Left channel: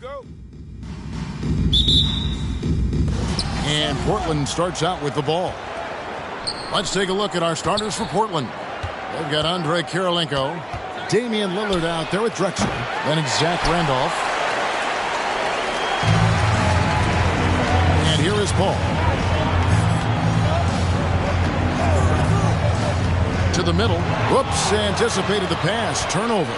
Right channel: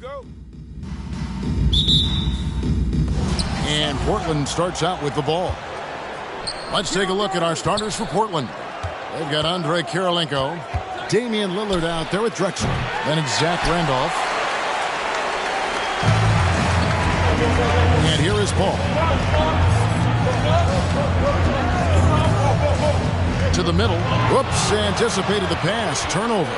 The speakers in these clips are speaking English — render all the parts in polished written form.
go. And Portland starts out with the ball. Let's take a look at our starters for Portland. They've got Andrei Kirilenko, Damian Lillard out there with Drexler. Then it's Zach Randolph. And here is Paul. To the middle. Whoops, anticipated the pass. Turnover.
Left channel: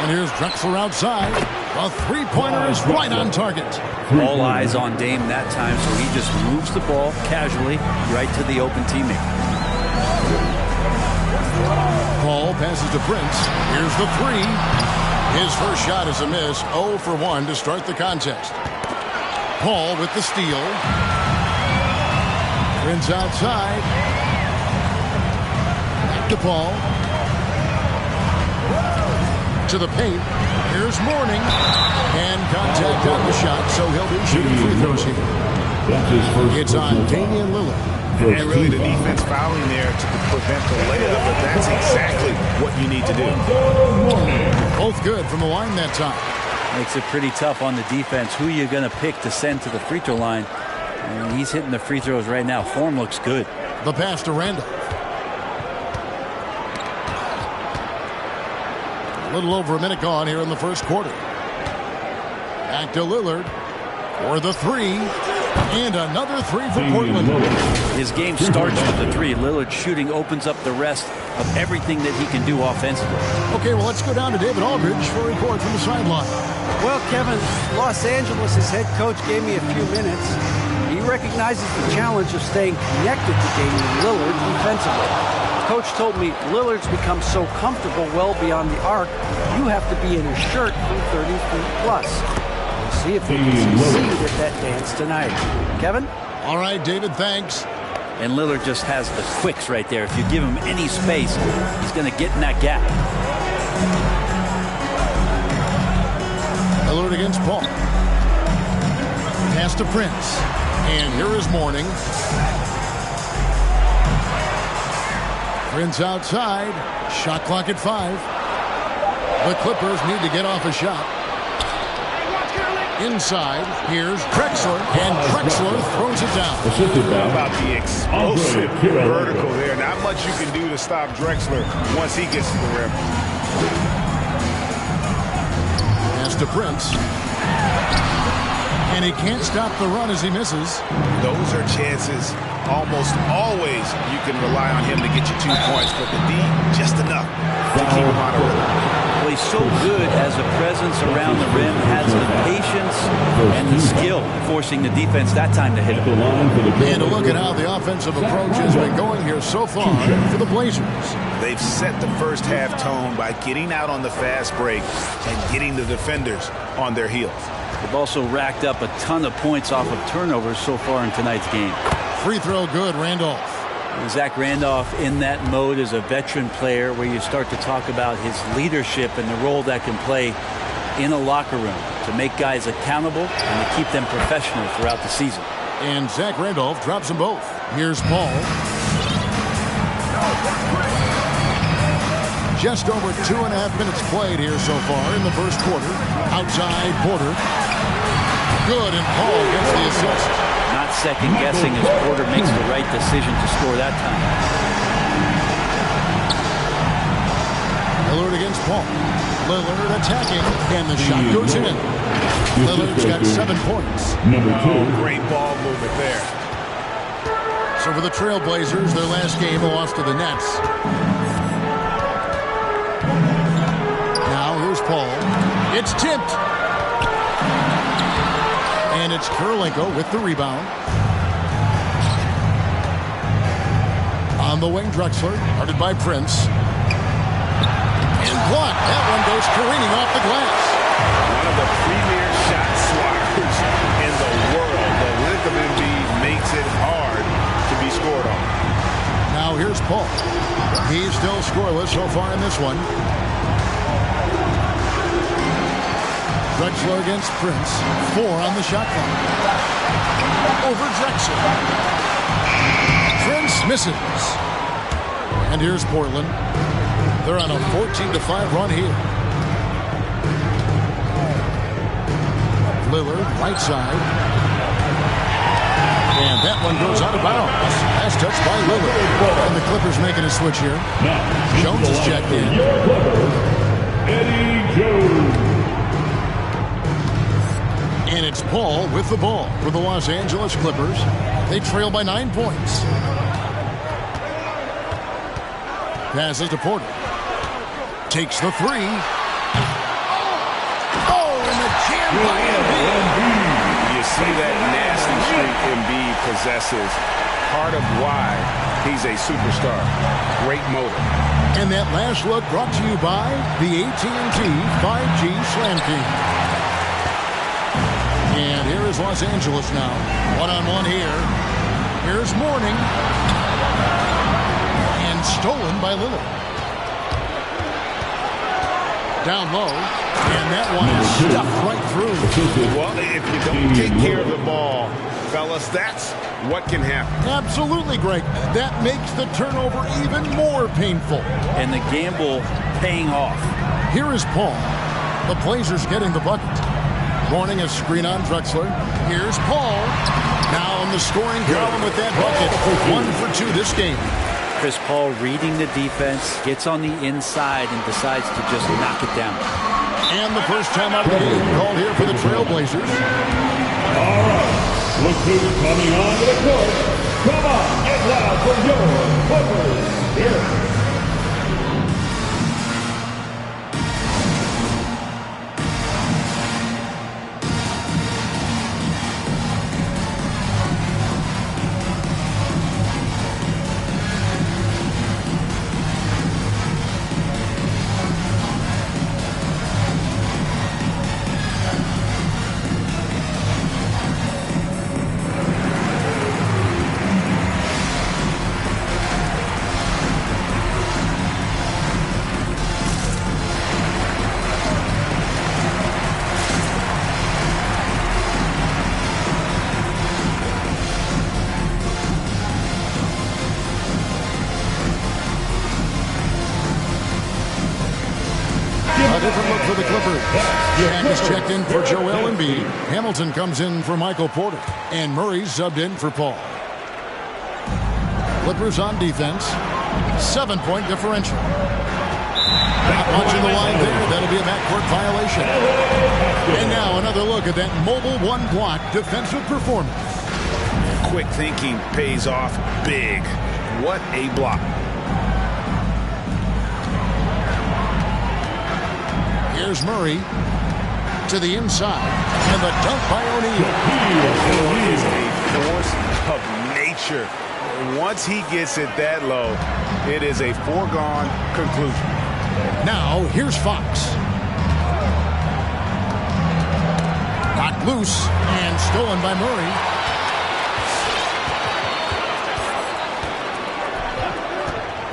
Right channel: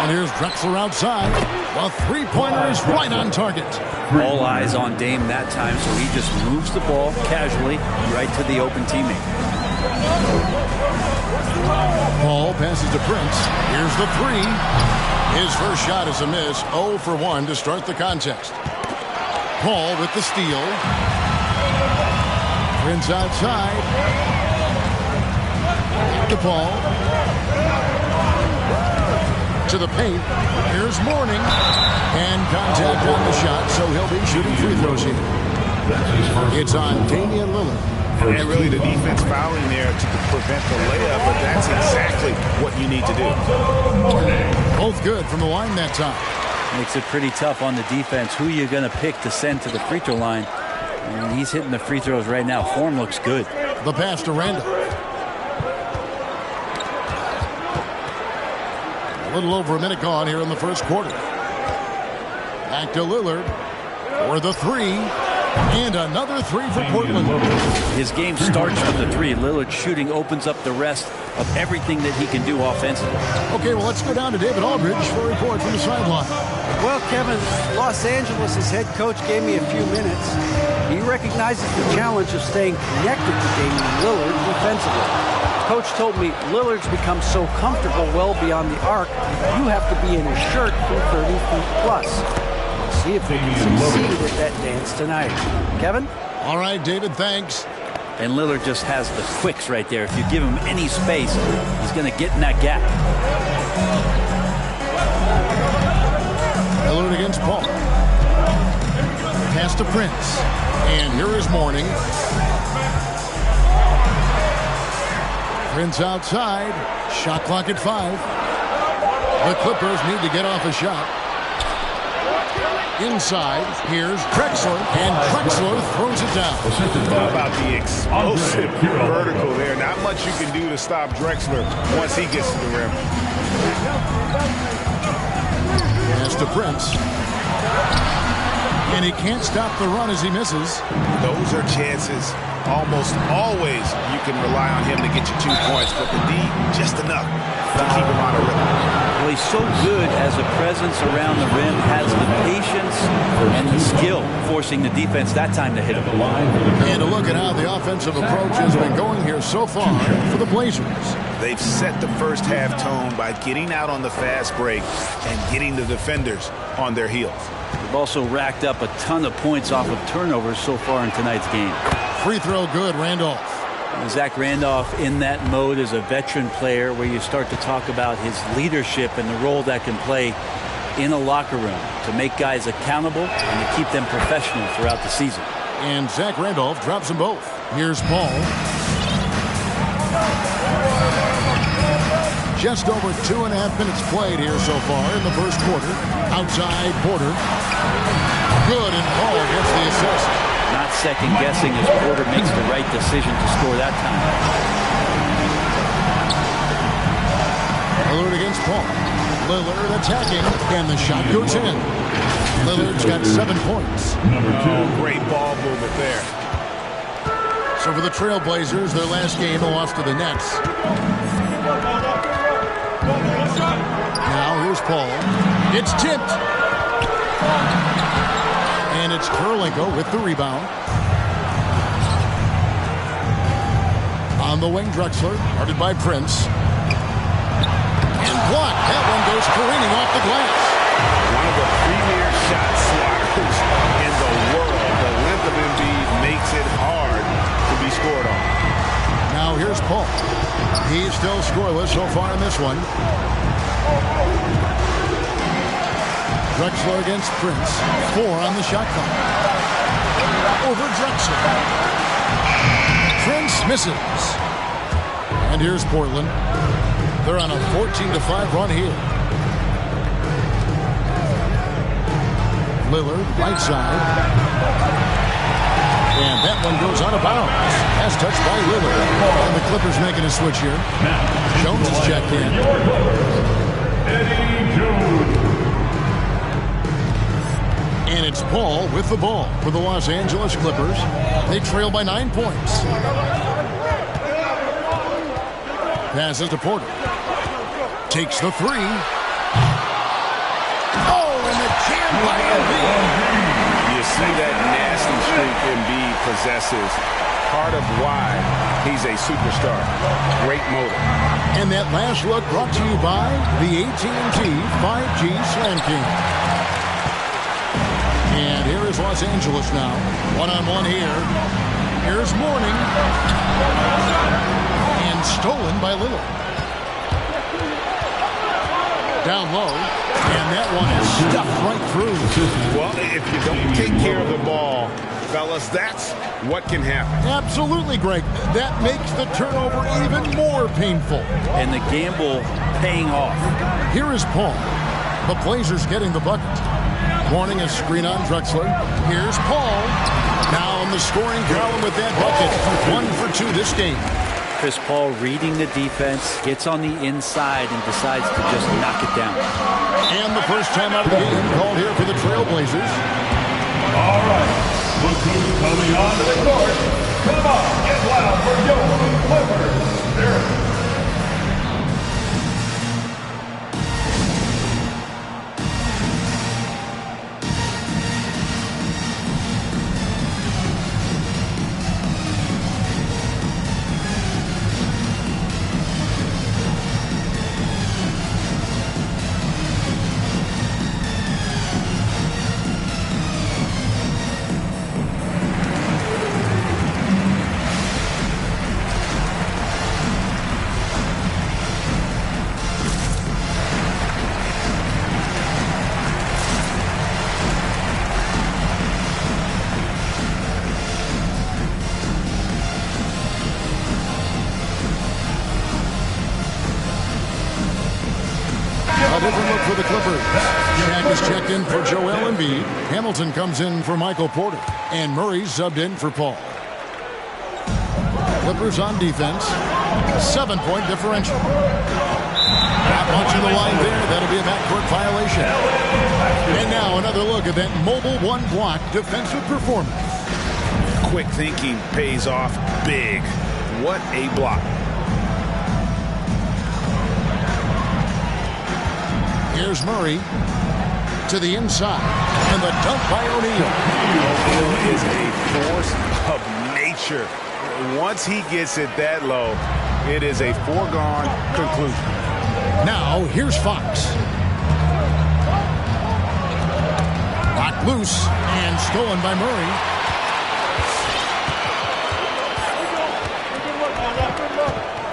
And here's Drexler outside. The three-pointer is right on target. All eyes on Dame that time, so he just moves the ball casually right to the open teammate. Paul passes to Prince. Here's the three. His first shot is a miss. 0 for 1 to start the contest. Paul with the steal. Prince outside. To Paul. To the paint. Here's Mourning. And contact on the shot, so he'll be shooting free throws here. It's on Damian Lillard. And really the defense fouling there to prevent the layup, but that's exactly what you need to do. Both good from the line that time. Makes it pretty tough on the defense. Who you're going to pick to send to the free throw line. And he's hitting the free throws right now. Form looks good. The pass to Randolph. A little over a minute gone here in the first quarter. Back to Lillard for the three. And another three for Portland. His game starts with the three. Lillard shooting opens up the rest of everything that he can do offensively. Okay, well, let's go down to David Aldridge for a report from the sideline. Well, Kevin, Los Angeles' head coach gave me a few minutes. He recognizes the challenge of staying connected to Damian Lillard defensively. Coach told me Lillard's become so comfortable well beyond the arc, you have to be in his shirt from 30 feet plus. We'll see if they can succeed at that dance tonight. Kevin? All right, David, thanks. And Lillard just has the quicks right there. If you give him any space, he's going to get in that gap. Lillard against Paul. Pass to Prince. And here is Mourning. Prince outside. Shot clock at 5. The Clippers need to get off a shot. Inside, here's Drexler, and Drexler throws it down. How about the explosive vertical there? Not much you can do to stop Drexler once he gets to the rim. Pass to Prince. And he can't stop the run as he misses. Those are chances. Almost always you can rely on him to get you 2 points, but the D, just enough to keep him out of rhythm. Well, he's so good as a presence around the rim, has the patience and the skill, forcing the defense that time to hit him. And a look at how the offensive approach has been going here so far for the Blazers. They've set the first half tone by getting out on the fast break and getting the defenders on their heels. They've also racked up a ton of points off of turnovers so far in tonight's game. Free throw good, Randolph. Zach Randolph in that mode as a veteran player where you start to talk about his leadership and the role that can play in a locker room to make guys accountable and to keep them professional throughout the season. And Zach Randolph drops them both. Here's Paul. Just over 2.5 minutes played here so far in the first quarter. Outside Porter. Good, and Paul gets the assist. Not second guessing as Porter makes the right decision to score that time. Lillard against Paul. Lillard attacking, and the shot goes in. Lillard's got 7 points. Oh, great ball movement there. So for the Trailblazers, their last game lost to the Nets. Now here's Paul. It's tipped. And it's Kirilenko with the rebound. On the wing, Drexler, guarded by Prince. And blocked. That one goes careening off the glass. One of the premier shot swatters in the world. The length of Embiid makes it hard to be scored on. Now here's Paul. He's still scoreless so far in this one. Drexler against Prince. 4 on the shot clock. Over Drexler. Prince misses. And here's Portland. They're on a 14-5 run here. Lillard, right side. And that one goes out of bounds. Pass touched by Lillard. And the Clippers making a switch here. Jones is checked in. Your Clippers, Eddie Jones. And it's Paul with the ball for the Los Angeles Clippers. They trail by 9 points. Passes to Porter. Takes the three. Oh, and the jam by Embiid. You see that nasty streak Embiid possesses. Part of why he's a superstar. Great motor. And that last look brought to you by the AT&T 5G Slam King. And here is Los Angeles now. One-on-one here. Here's Mourning. And stolen by Lillard. Down low. And that one is stuffed right through. Well, if you don't take care of the ball, fellas, that's what can happen. Absolutely, Greg. That makes the turnover even more painful. And the gamble paying off. Here is Paul. The Blazers getting the bucket. Mourning a screen on Drexler. Here's Paul. Now in the scoring column with that bucket. 1 for 2 this game. Chris Paul reading the defense, gets on the inside and decides to just knock it down. And the first time out of the game called here for the Trailblazers. All right, look who's coming onto the court. Come on, get loud for your Clippers. Here. A different look for the Clippers. Jack is checked in for Joel Embiid. Hamilton comes in for Michael Porter. And Murray subbed in for Paul. Clippers on defense. 7-point differential. Not watching the line there. That'll be a backcourt violation. And now another look at that mobile one-block defensive performance. Quick thinking pays off big. What a block. Here's Murray to the inside, and the dunk by O'Neal. O'Neal is a force of nature. Once he gets it that low, it is a foregone conclusion. Now, here's Fox. Knocked loose and stolen by Murray.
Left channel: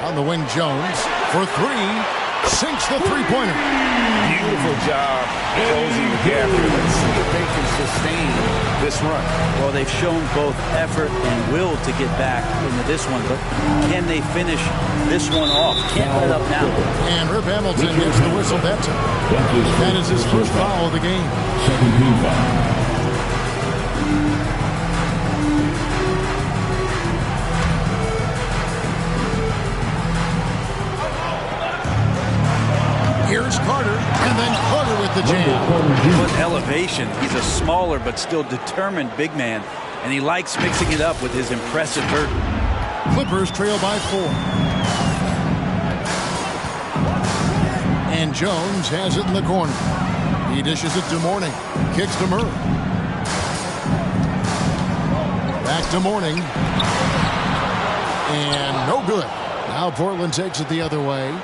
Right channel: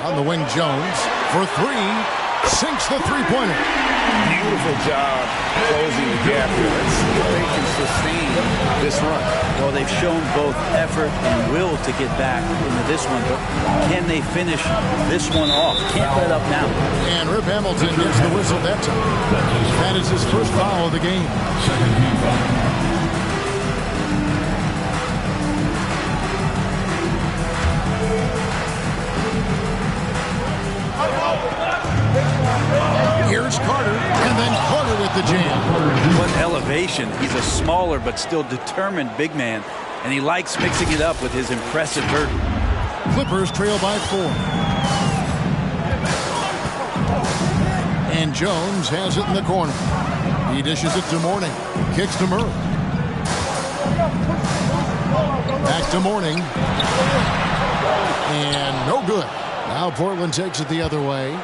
On the wing, Jones for three. Sinks the three-pointer. Beautiful job closing the gap here. Let's see if they can sustain this run. Well, they've shown both effort and will to get back into this one, but can they finish this one off? Can't let up now. And Rip Hamilton gets the whistle that time. That is his first foul of the game. Second team foul. Here's Carter, and then Carter with the jam. What elevation. He's a smaller but still determined big man, and he likes mixing it up with his impressive vert. Clippers trail by 4. And Jones has it in the corner. He dishes it to Mourning. Kicks to Murray. Back to Mourning. And no good. Now Portland takes it the other way.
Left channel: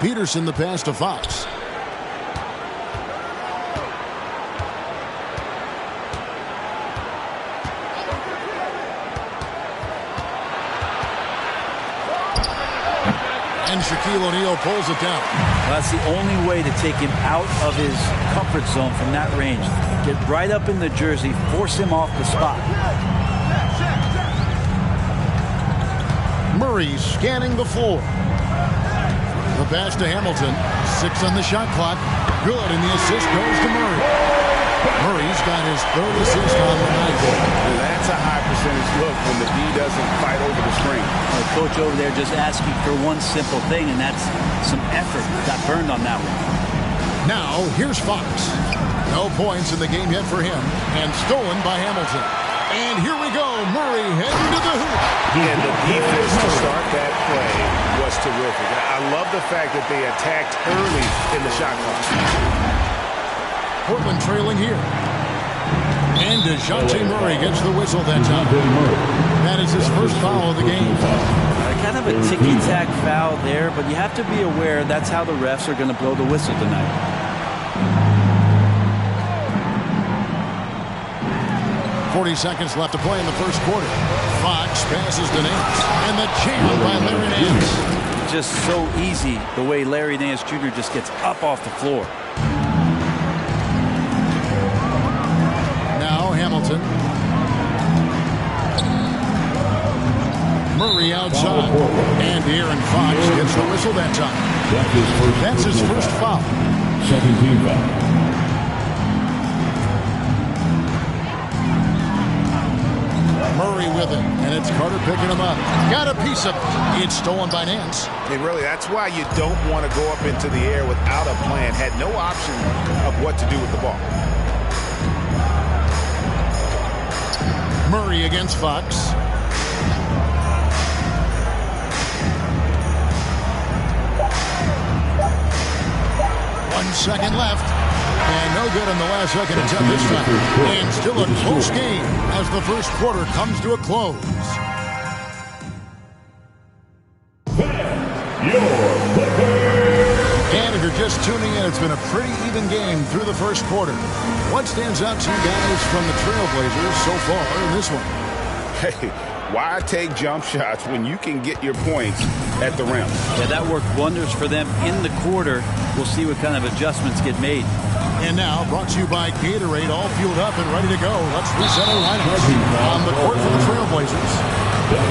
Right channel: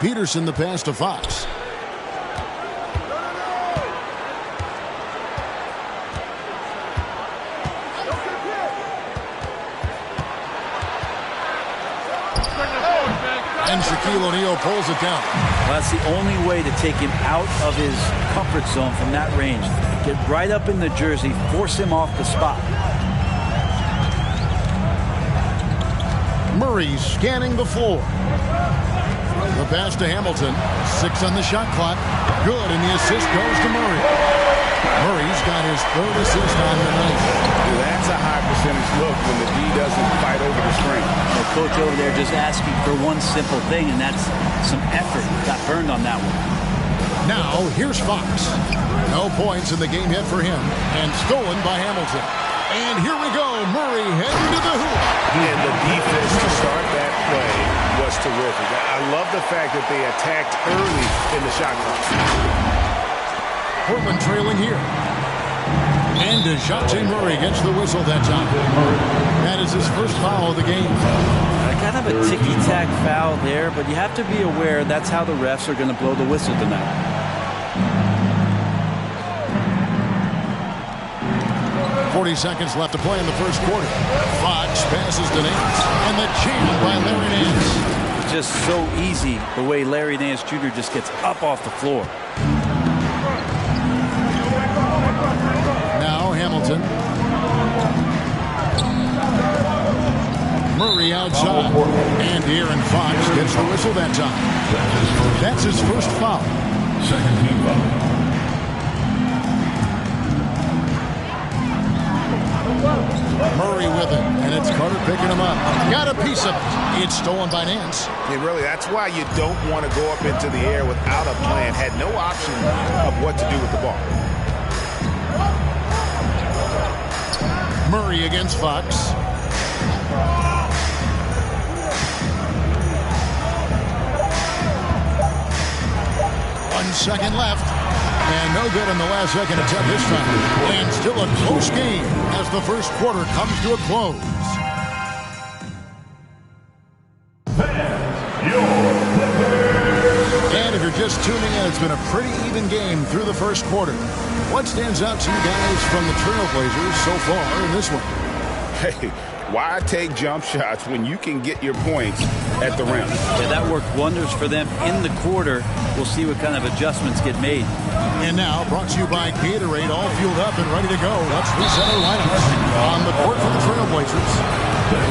Peterson the pass to Fox. And Shaquille O'Neal pulls it down. Well, that's the only way to take him out of his comfort zone from that range. Get right up in the jersey, force him off the spot. Murray scanning the floor. The pass to Hamilton. 6 on the shot clock. Good, and the assist goes to Murray. Murray's got his third assist on the night. That's a high percentage look when the D doesn't fight over the screen. The coach over there just asking for one simple thing, and that's some effort. Got burned on that one. Now, here's Fox. No points in the game yet for him, and stolen by Hamilton. And here we go, Murray heading to the hoop. And the defense to start that play was terrific. I love the fact that they attacked early in the shot clock. Portland trailing here. And DeJounte Murray gets the whistle that time. That is his first foul of the game. Kind of a ticky-tack foul there, but you have to be aware that's how the refs are going to blow the whistle tonight. 40 seconds left to play in the first quarter. Fox passes to Nance, and the jam by Larry Nance. It's just so easy the way Larry Nance Jr. just gets up off the floor. Now Hamilton. Murray outside. And Aaron Fox gets the whistle that time. That's his first foul. Second team foul. Murray with it, and it's Carter picking him up. Got a piece of it. It's stolen by Nance. And really, that's why you don't want to go up into the air without a plan. Had no option of what to do with the ball. Murray against Fox. One second left. And no good on the last second attempt this time. And still a close game as the first quarter comes to a close. And if you're just tuning in, it's been a pretty even game through the first quarter. What stands out to you guys from the Trailblazers so far in this one? Hey, why take jump shots when you can get your points at the rim? Yeah, that worked wonders for them in the quarter. We'll see what kind of adjustments get made. And now, brought to you by Gatorade, all fueled up and ready to go. Let's reset our lineups. On the court for the Trailblazers,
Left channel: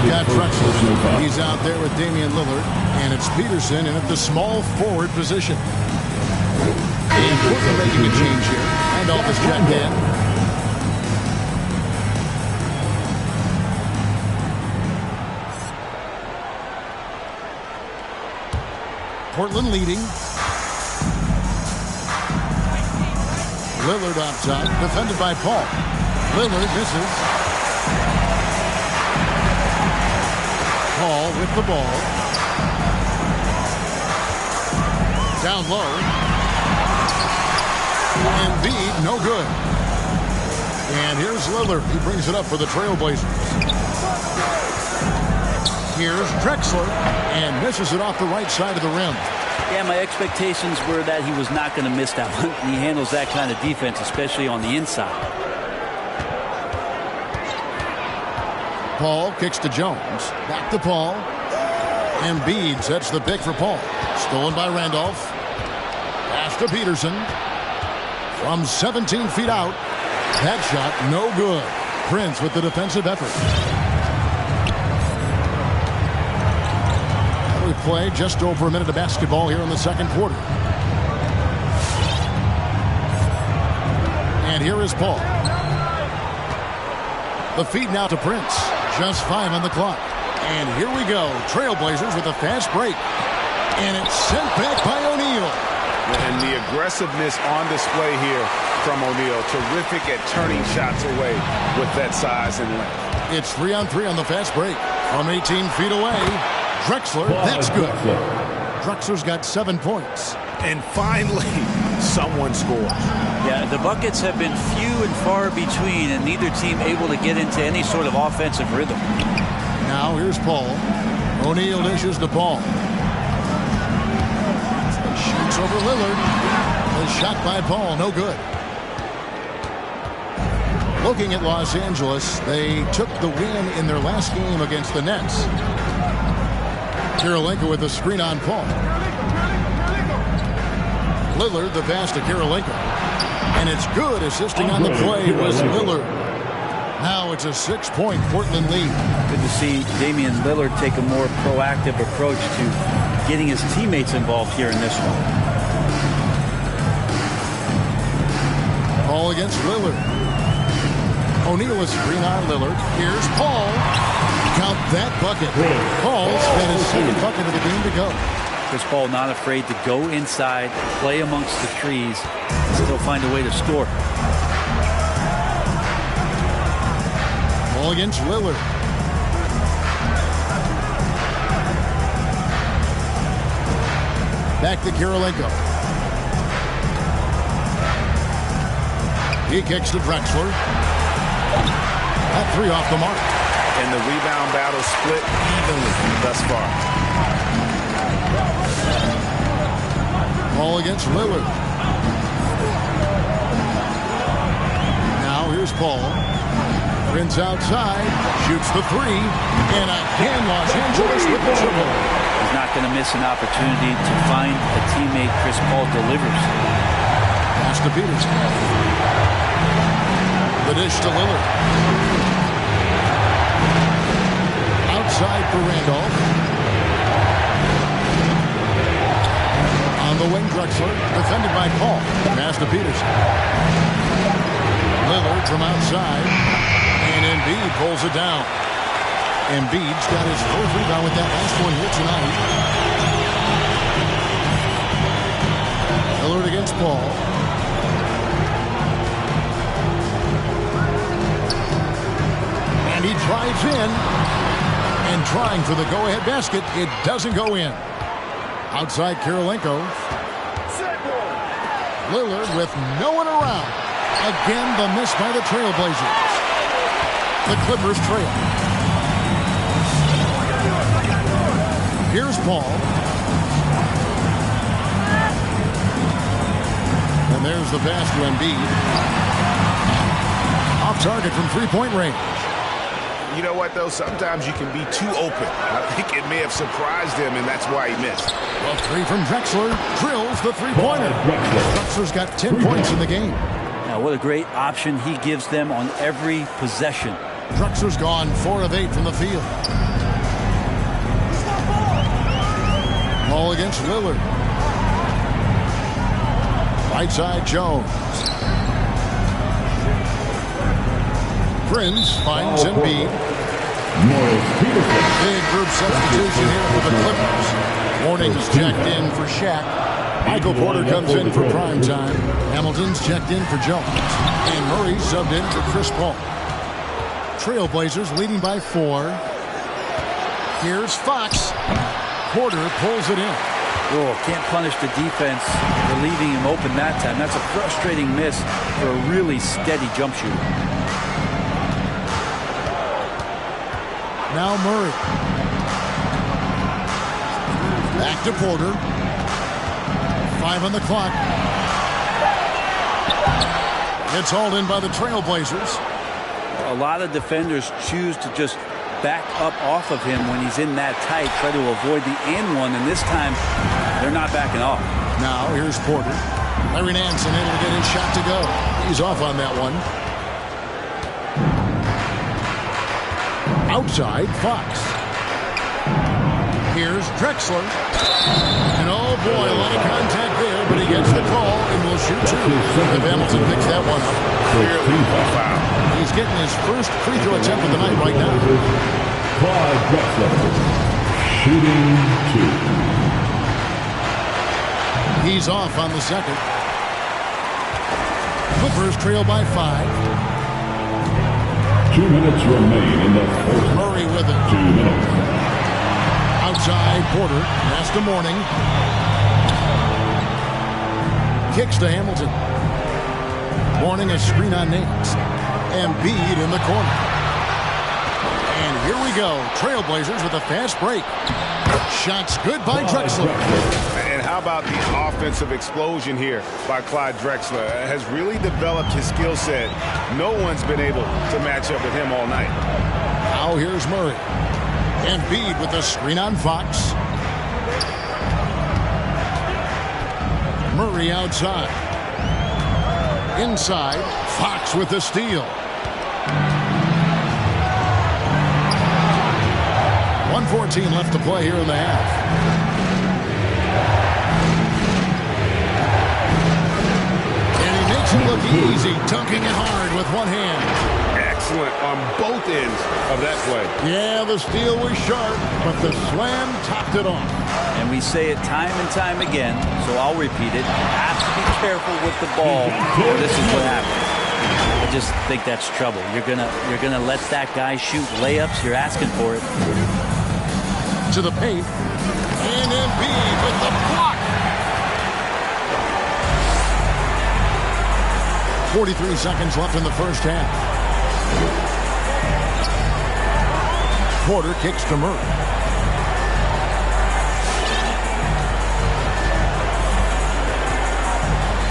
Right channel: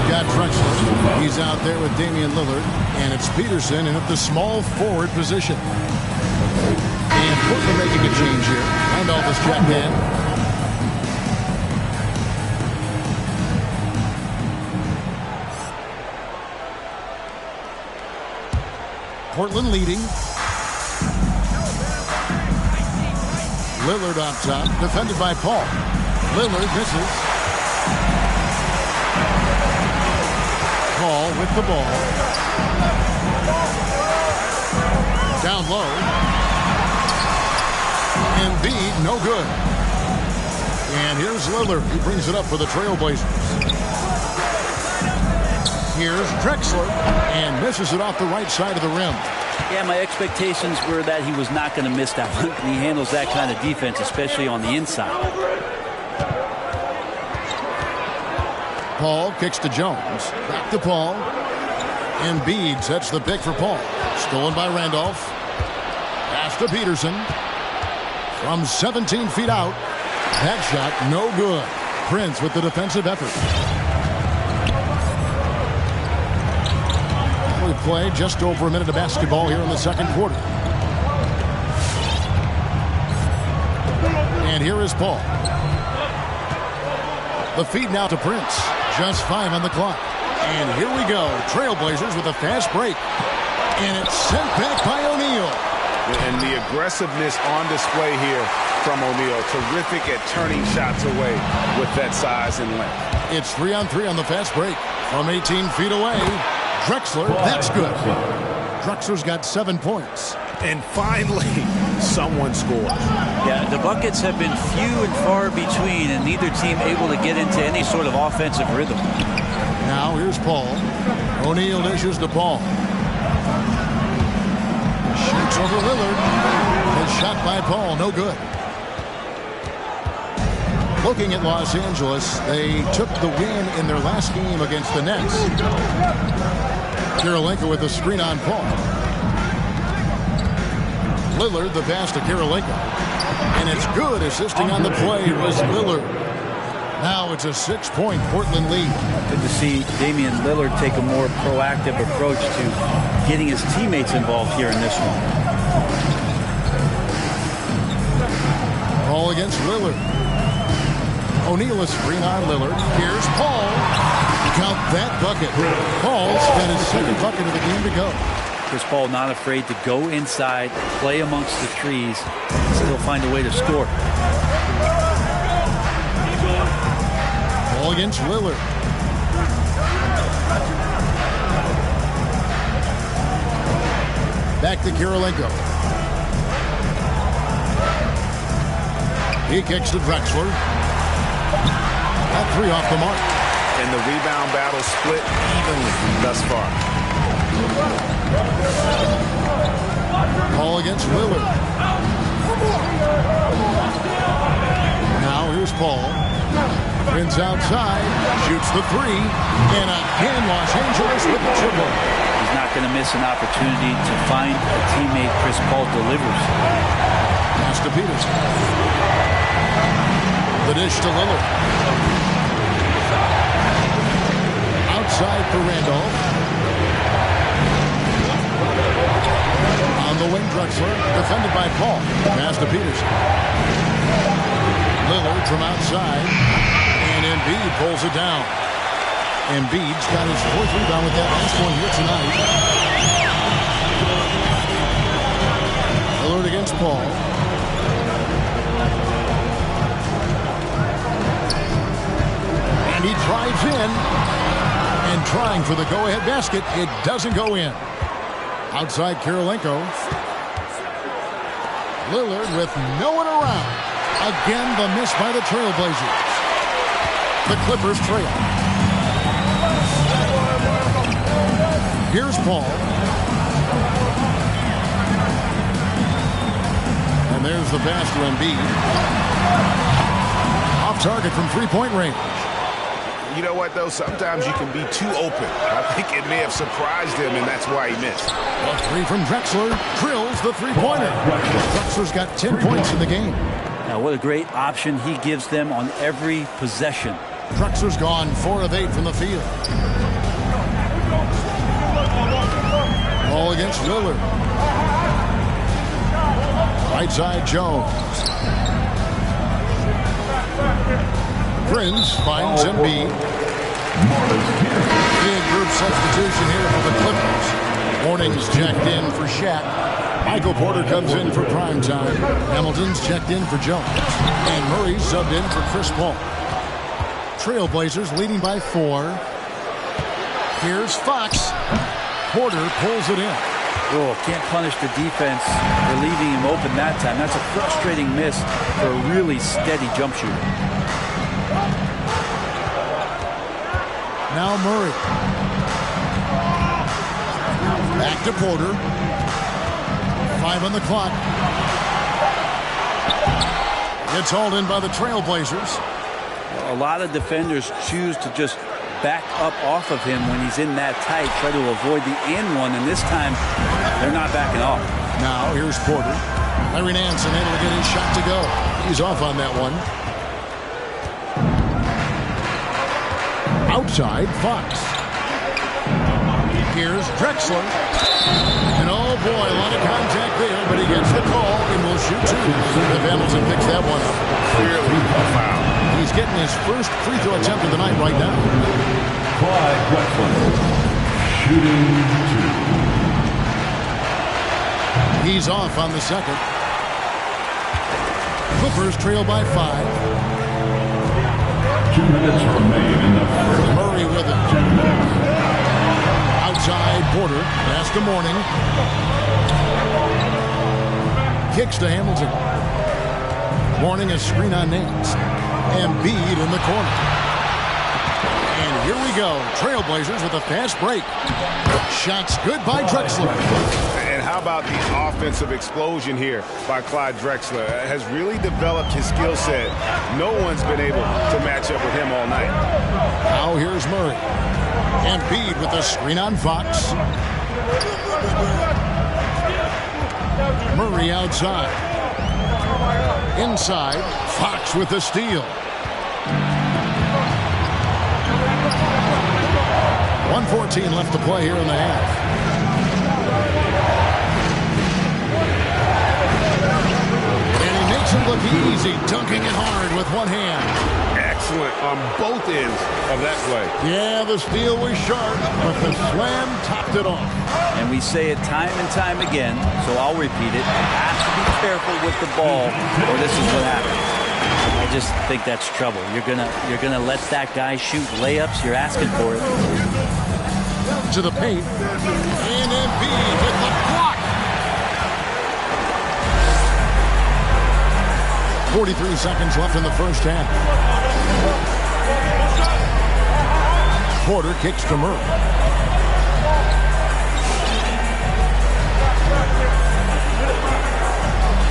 we've got Drexler. He's out there with Damian Lillard. And it's Peterson in at the small forward position. And Portland making a change here. Randolph is checked in. Portland leading. Lillard up top, defended by Paul. Lillard misses. Paul with the ball. Down low. Embiid, no good. And here's Lillard. He brings it up for the Trailblazers. Here's Drexler, and misses it off the right side of the rim. Yeah, my expectations were that he was not going to miss that one. He handles that kind of defense, especially on the inside. Paul kicks to Jones. Back to Paul. Embiid sets the pick for Paul. Stolen by Randolph. Pass to Peterson. From 17 feet out. That shot no good. Prince with the defensive effort. We play just over a minute of basketball here in the second quarter. And here is Paul. The feed now to Prince. Just 5 on the clock. And here we go. Trailblazers with a fast break. And it's sent back by O'Neal. And the aggressiveness on display here from O'Neal. Terrific at turning shots away with that size and length. It's 3-on-3 on the fast break. From 18 feet away. Drexler, that's good. Drexler's got 7 points. And finally, someone scores. Yeah, the buckets have been few and far between, and neither team able to get into any sort of offensive rhythm. Now here's Paul. O'Neal dishes to Paul. Shoots over Lillard. The shot by Paul, no good. Looking at Los Angeles, they took the win in their last game against the Nets. Kirilenko with a screen on Paul. Lillard, the pass to Kirilenko. And it's good. Assisting on the play was Lillard. Now it's a 6-point Portland lead. Good to see Damian Lillard take a more proactive approach to getting his teammates involved here in this one. Paul against Lillard. O'Neal is screen on Lillard. Here's Paul. Count that bucket. Paul's got his second bucket of the game to go. Chris Paul not afraid to go inside, play amongst the trees, and still find a way to score. Paul against Lillard. Back to Kirilenko. He kicks to Drexler. That three off the mark. And the rebound battle split evenly thus far. Paul against Lillard. Now here's Paul. Prince outside. Shoots the three. And again, Los Angeles with the triple. He's not going to miss an opportunity to find a teammate. Chris Paul delivers. Pass to Peterson. The dish to Lillard. Outside for Randolph. On the wing, Drexler. Defended by Paul. Pass to Peterson. Lillard from outside. And Embiid pulls it down. Embiid's got his fourth rebound with that last one here tonight. Lillard against Paul. And he drives in. And trying for the go-ahead basket. It doesn't go in. Outside Kirilenko. Lillard with no one around. Again, the miss by the Trailblazers. The Clippers trail. Here's Paul. And there's the pass to Embiid. Off target from three-point range. You know what, though? Sometimes you can be too open. I think it may have surprised him, and that's why he missed. The three from Drexler drills the three-pointer. Drexler's got 10 points in the game. Now, what a great option he gives them on every possession. Drexler's gone 4 of 8 from the field. Ball against Lillard. Right side, Jones. Prince finds Embiid. Big group substitution here for the Clippers. Warnings checked in for Shaq. Michael Porter comes in for prime time. Hamilton's checked in for Jones. And Murray subbed in for Chris Paul. Trailblazers leading by 4. Here's Fox. Porter pulls it in. Oh, can't punish the defense for leaving him open that time. That's a frustrating miss for a really steady jump shooter. Now Murray. Back to Porter. 5 on the clock. Gets hauled in by the Trailblazers. A lot of defenders choose to just back up off of him when he's in that tight, try to avoid the and one, and this time they're not backing off. Now here's Porter. Larry Nance unable to get his shot to go. He's off on that one. Outside, Fox. Here's Drexler. And oh boy, a lot of contact there, but he gets the call and will shoot 2. If Hamilton picks that one up. Clearly a foul. He's getting his first free throw attempt of the night right now. Clyde Drexler, shooting 2. He's off on the second. Clippers trail by 5. 2 minutes remain in the first. Murray with it. 2 minutes. Outside, Porter. Pass to Mourning. Kicks to Hamilton. Mourning a screen on Nance. Embiid in the corner. And here we go. Trailblazers with a fast break. Shots good by Drexler. And how about the offensive explosion here by Clyde Drexler? Has really developed his skill set. No one's been able to match up with him all night. Now here's Murray. Embiid with a screen on Fox. Murray outside. Inside, Fox with the steal. 1:14 left to play here in the half. And he makes it look Easy dunking it hard with one hand. Excellent on both ends of that play. Yeah, the steal was sharp, but the slam topped it off. And we say it time and time again, so I'll repeat it. Have to be careful with the ball, or this is what happens. I just think that's trouble. You're gonna let that guy shoot layups. You're asking for it. To the paint, and Embiid with the block. 43 seconds left in the first half. Porter kicks to Murray.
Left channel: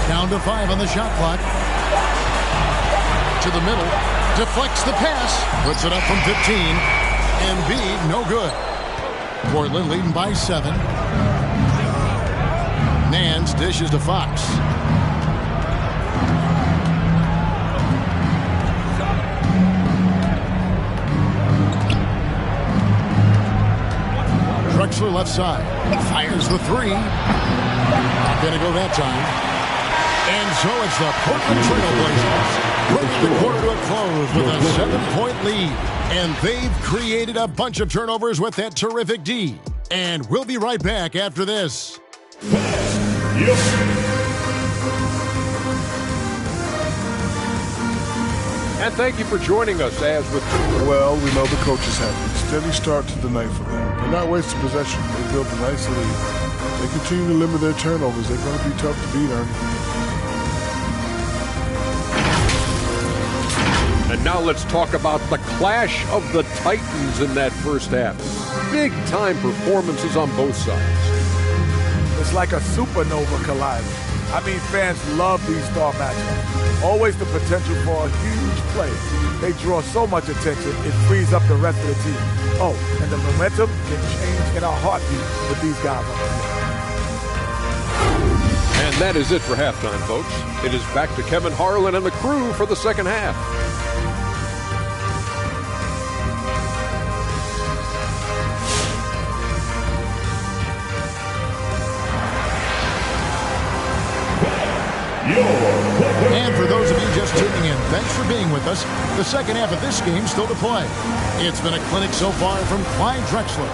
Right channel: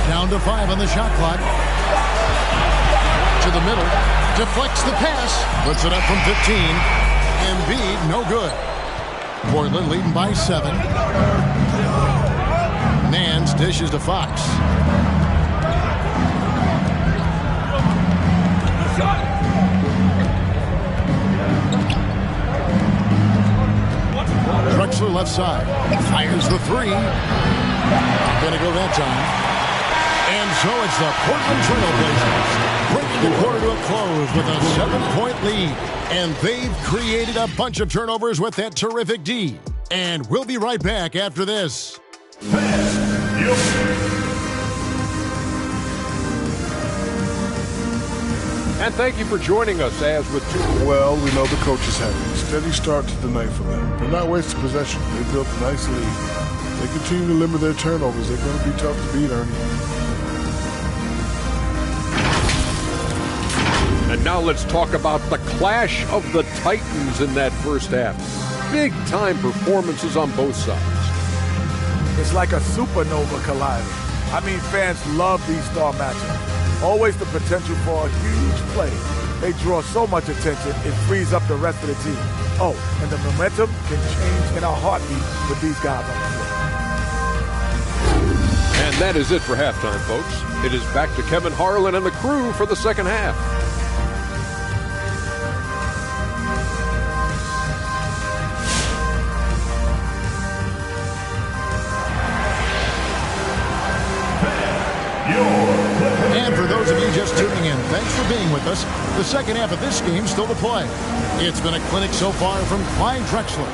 Down to 5 on the shot clock. To the middle. Deflects the pass. Puts it up from 15. Embiid, no good. Portland leading by 7. Nance dishes to Fox. Drexler left side. Fires the 3. Not going to go that time. And so it's the Portland Trail Blazers bringing the quarter to a close with a 7-point lead. And they've created a bunch of turnovers with that terrific D. And we'll be right back after this. And thank you for joining us as with two. Well, we know the coach is happy. Steady start to the night for them. They're not wasting possession. They built a nice lead. They continue to limit their turnovers. They're going to be tough to beat, Ernie. And now let's talk about the clash of the Titans in that first half. Big-time performances on both sides. It's like a supernova collider. I mean, fans love these star matchups. Always the potential for a huge play. They draw so much attention, it frees up the rest of the team. Oh, and the momentum can change in a heartbeat with these guys on the floor. And that is it for halftime, folks. It is back to Kevin Harlan and the crew for the second half. And for those of you just tuning in, thanks for being with us. The second half of this game still to play. It's been a clinic so far from Clyde Drexler.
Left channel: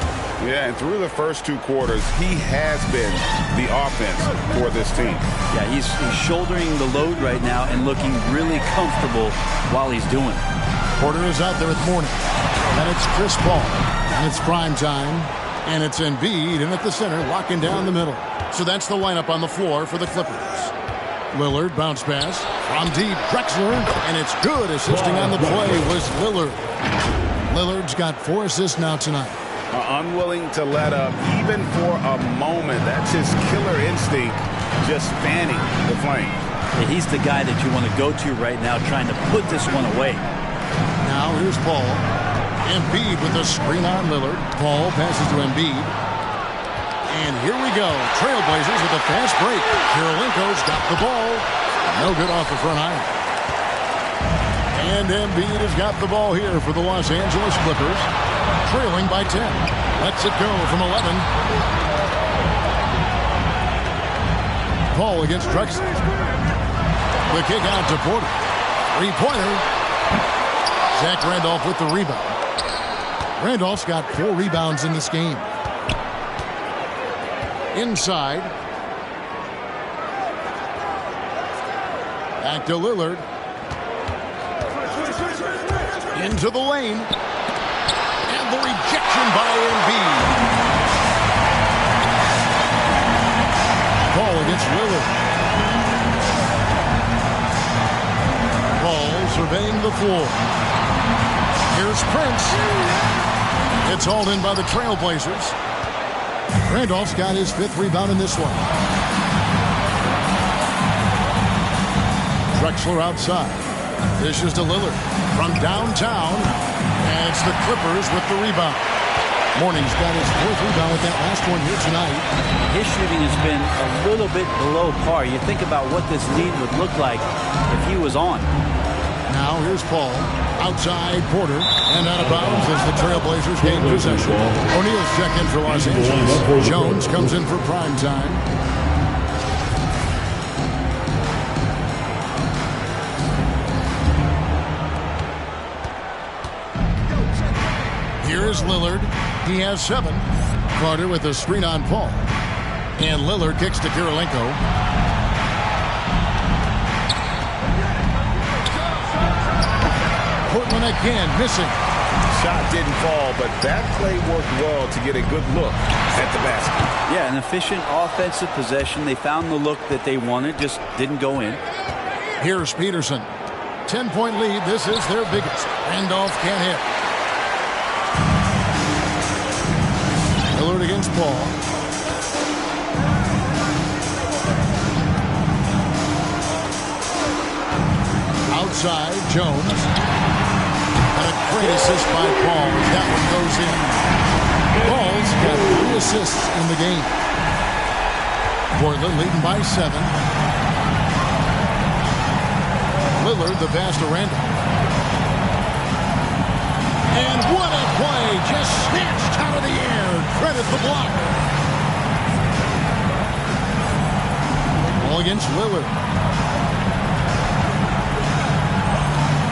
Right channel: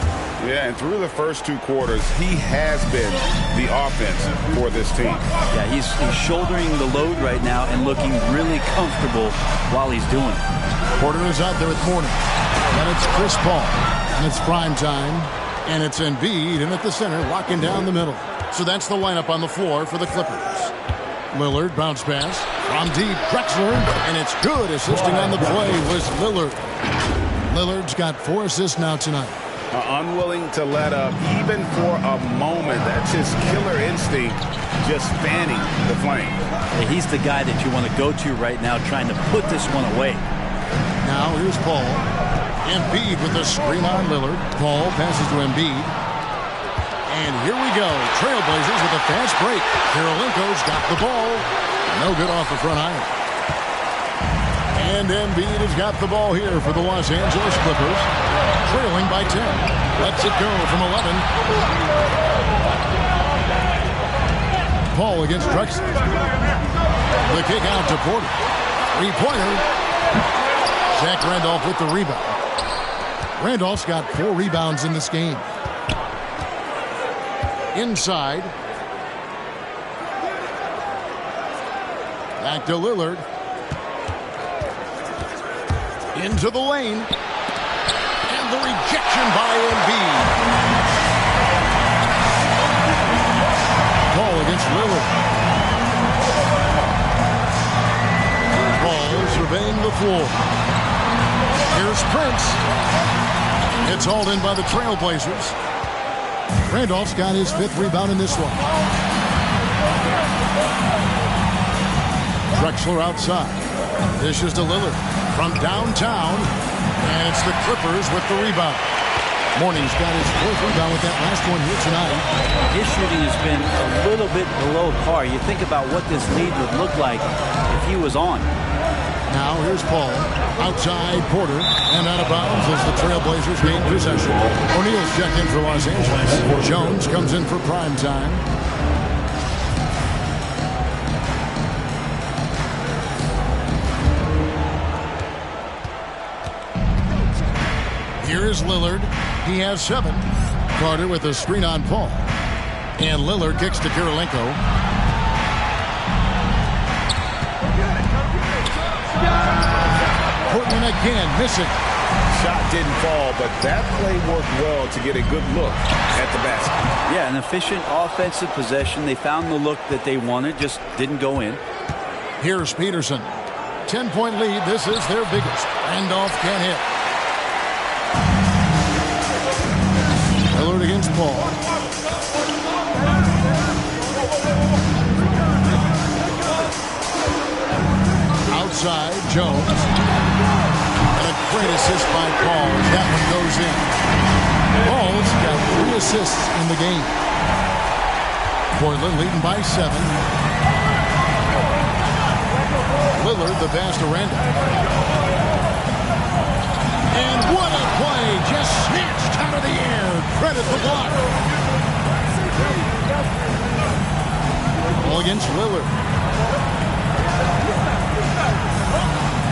Yeah, and through the first 2 quarters, he has been the offense for this team. Yeah, he's shouldering the load right now and looking really comfortable while he's doing it. Porter is out there with Mourning. And it's Chris Paul. And it's prime time. And it's Embiid in at the center, locking down the middle. So that's the lineup on the floor for the Clippers. Lillard bounce pass from deep. Drexler, and it's good. Assisting on the play was Lillard. Lillard's got 4 assists now tonight. Unwilling to let up even for a moment. That's his killer instinct, just fanning the flame. Yeah, he's the guy that you want to go to right now, trying to put this one away. Now here's Paul. Embiid with the screen on Lillard. Paul passes to Embiid. And here we go. Trailblazers with a fast break. Kirilenko's got the ball. No good off the front iron. And Embiid has got the ball here for the Los Angeles Clippers. Trailing by 10. Lets it go from 11. Paul against Drexler. The kick out to Porter. 3-pointer. Zach Randolph with the rebound. Randolph's got 4 rebounds in this game. Inside. Back to Lillard. Into the lane. And the rejection by Embiid. Paul against Lillard. Paul surveying the floor. Here's Prince. It's hauled in by the Trailblazers. Randolph's got his 5th rebound in this one. Drexler outside. Dishes to Lillard from downtown. And it's the Clippers with the rebound. Mourning's got his 4th rebound with that last one here tonight. His shooting has been a little bit below par. You think about what this lead would look like if he was on. Now here's Paul. Outside Porter. And out of bounds as the Trailblazers gain possession. O'Neal's checked in for Los Angeles. Jones comes in for prime time. Here is Lillard. He has 7. Carter with a screen on Paul. And Lillard kicks to Kirilenko. Portland again missing. Shot didn't fall, but that play worked well to get a good look at the basket. Yeah, an efficient offensive possession. They found the look that they wanted, just didn't go in. Here's Peterson. 10-point lead. This is their biggest. Randolph can't hit. Lillard against Paul. Outside, Jones. And a great assist by Paul as that one goes in. Paul's got 3 assists in the game. Portland leading by 7. Lillard the pass to Randolph. And what a play! Just snatched out of the air. Credit the block. Ball against Lillard.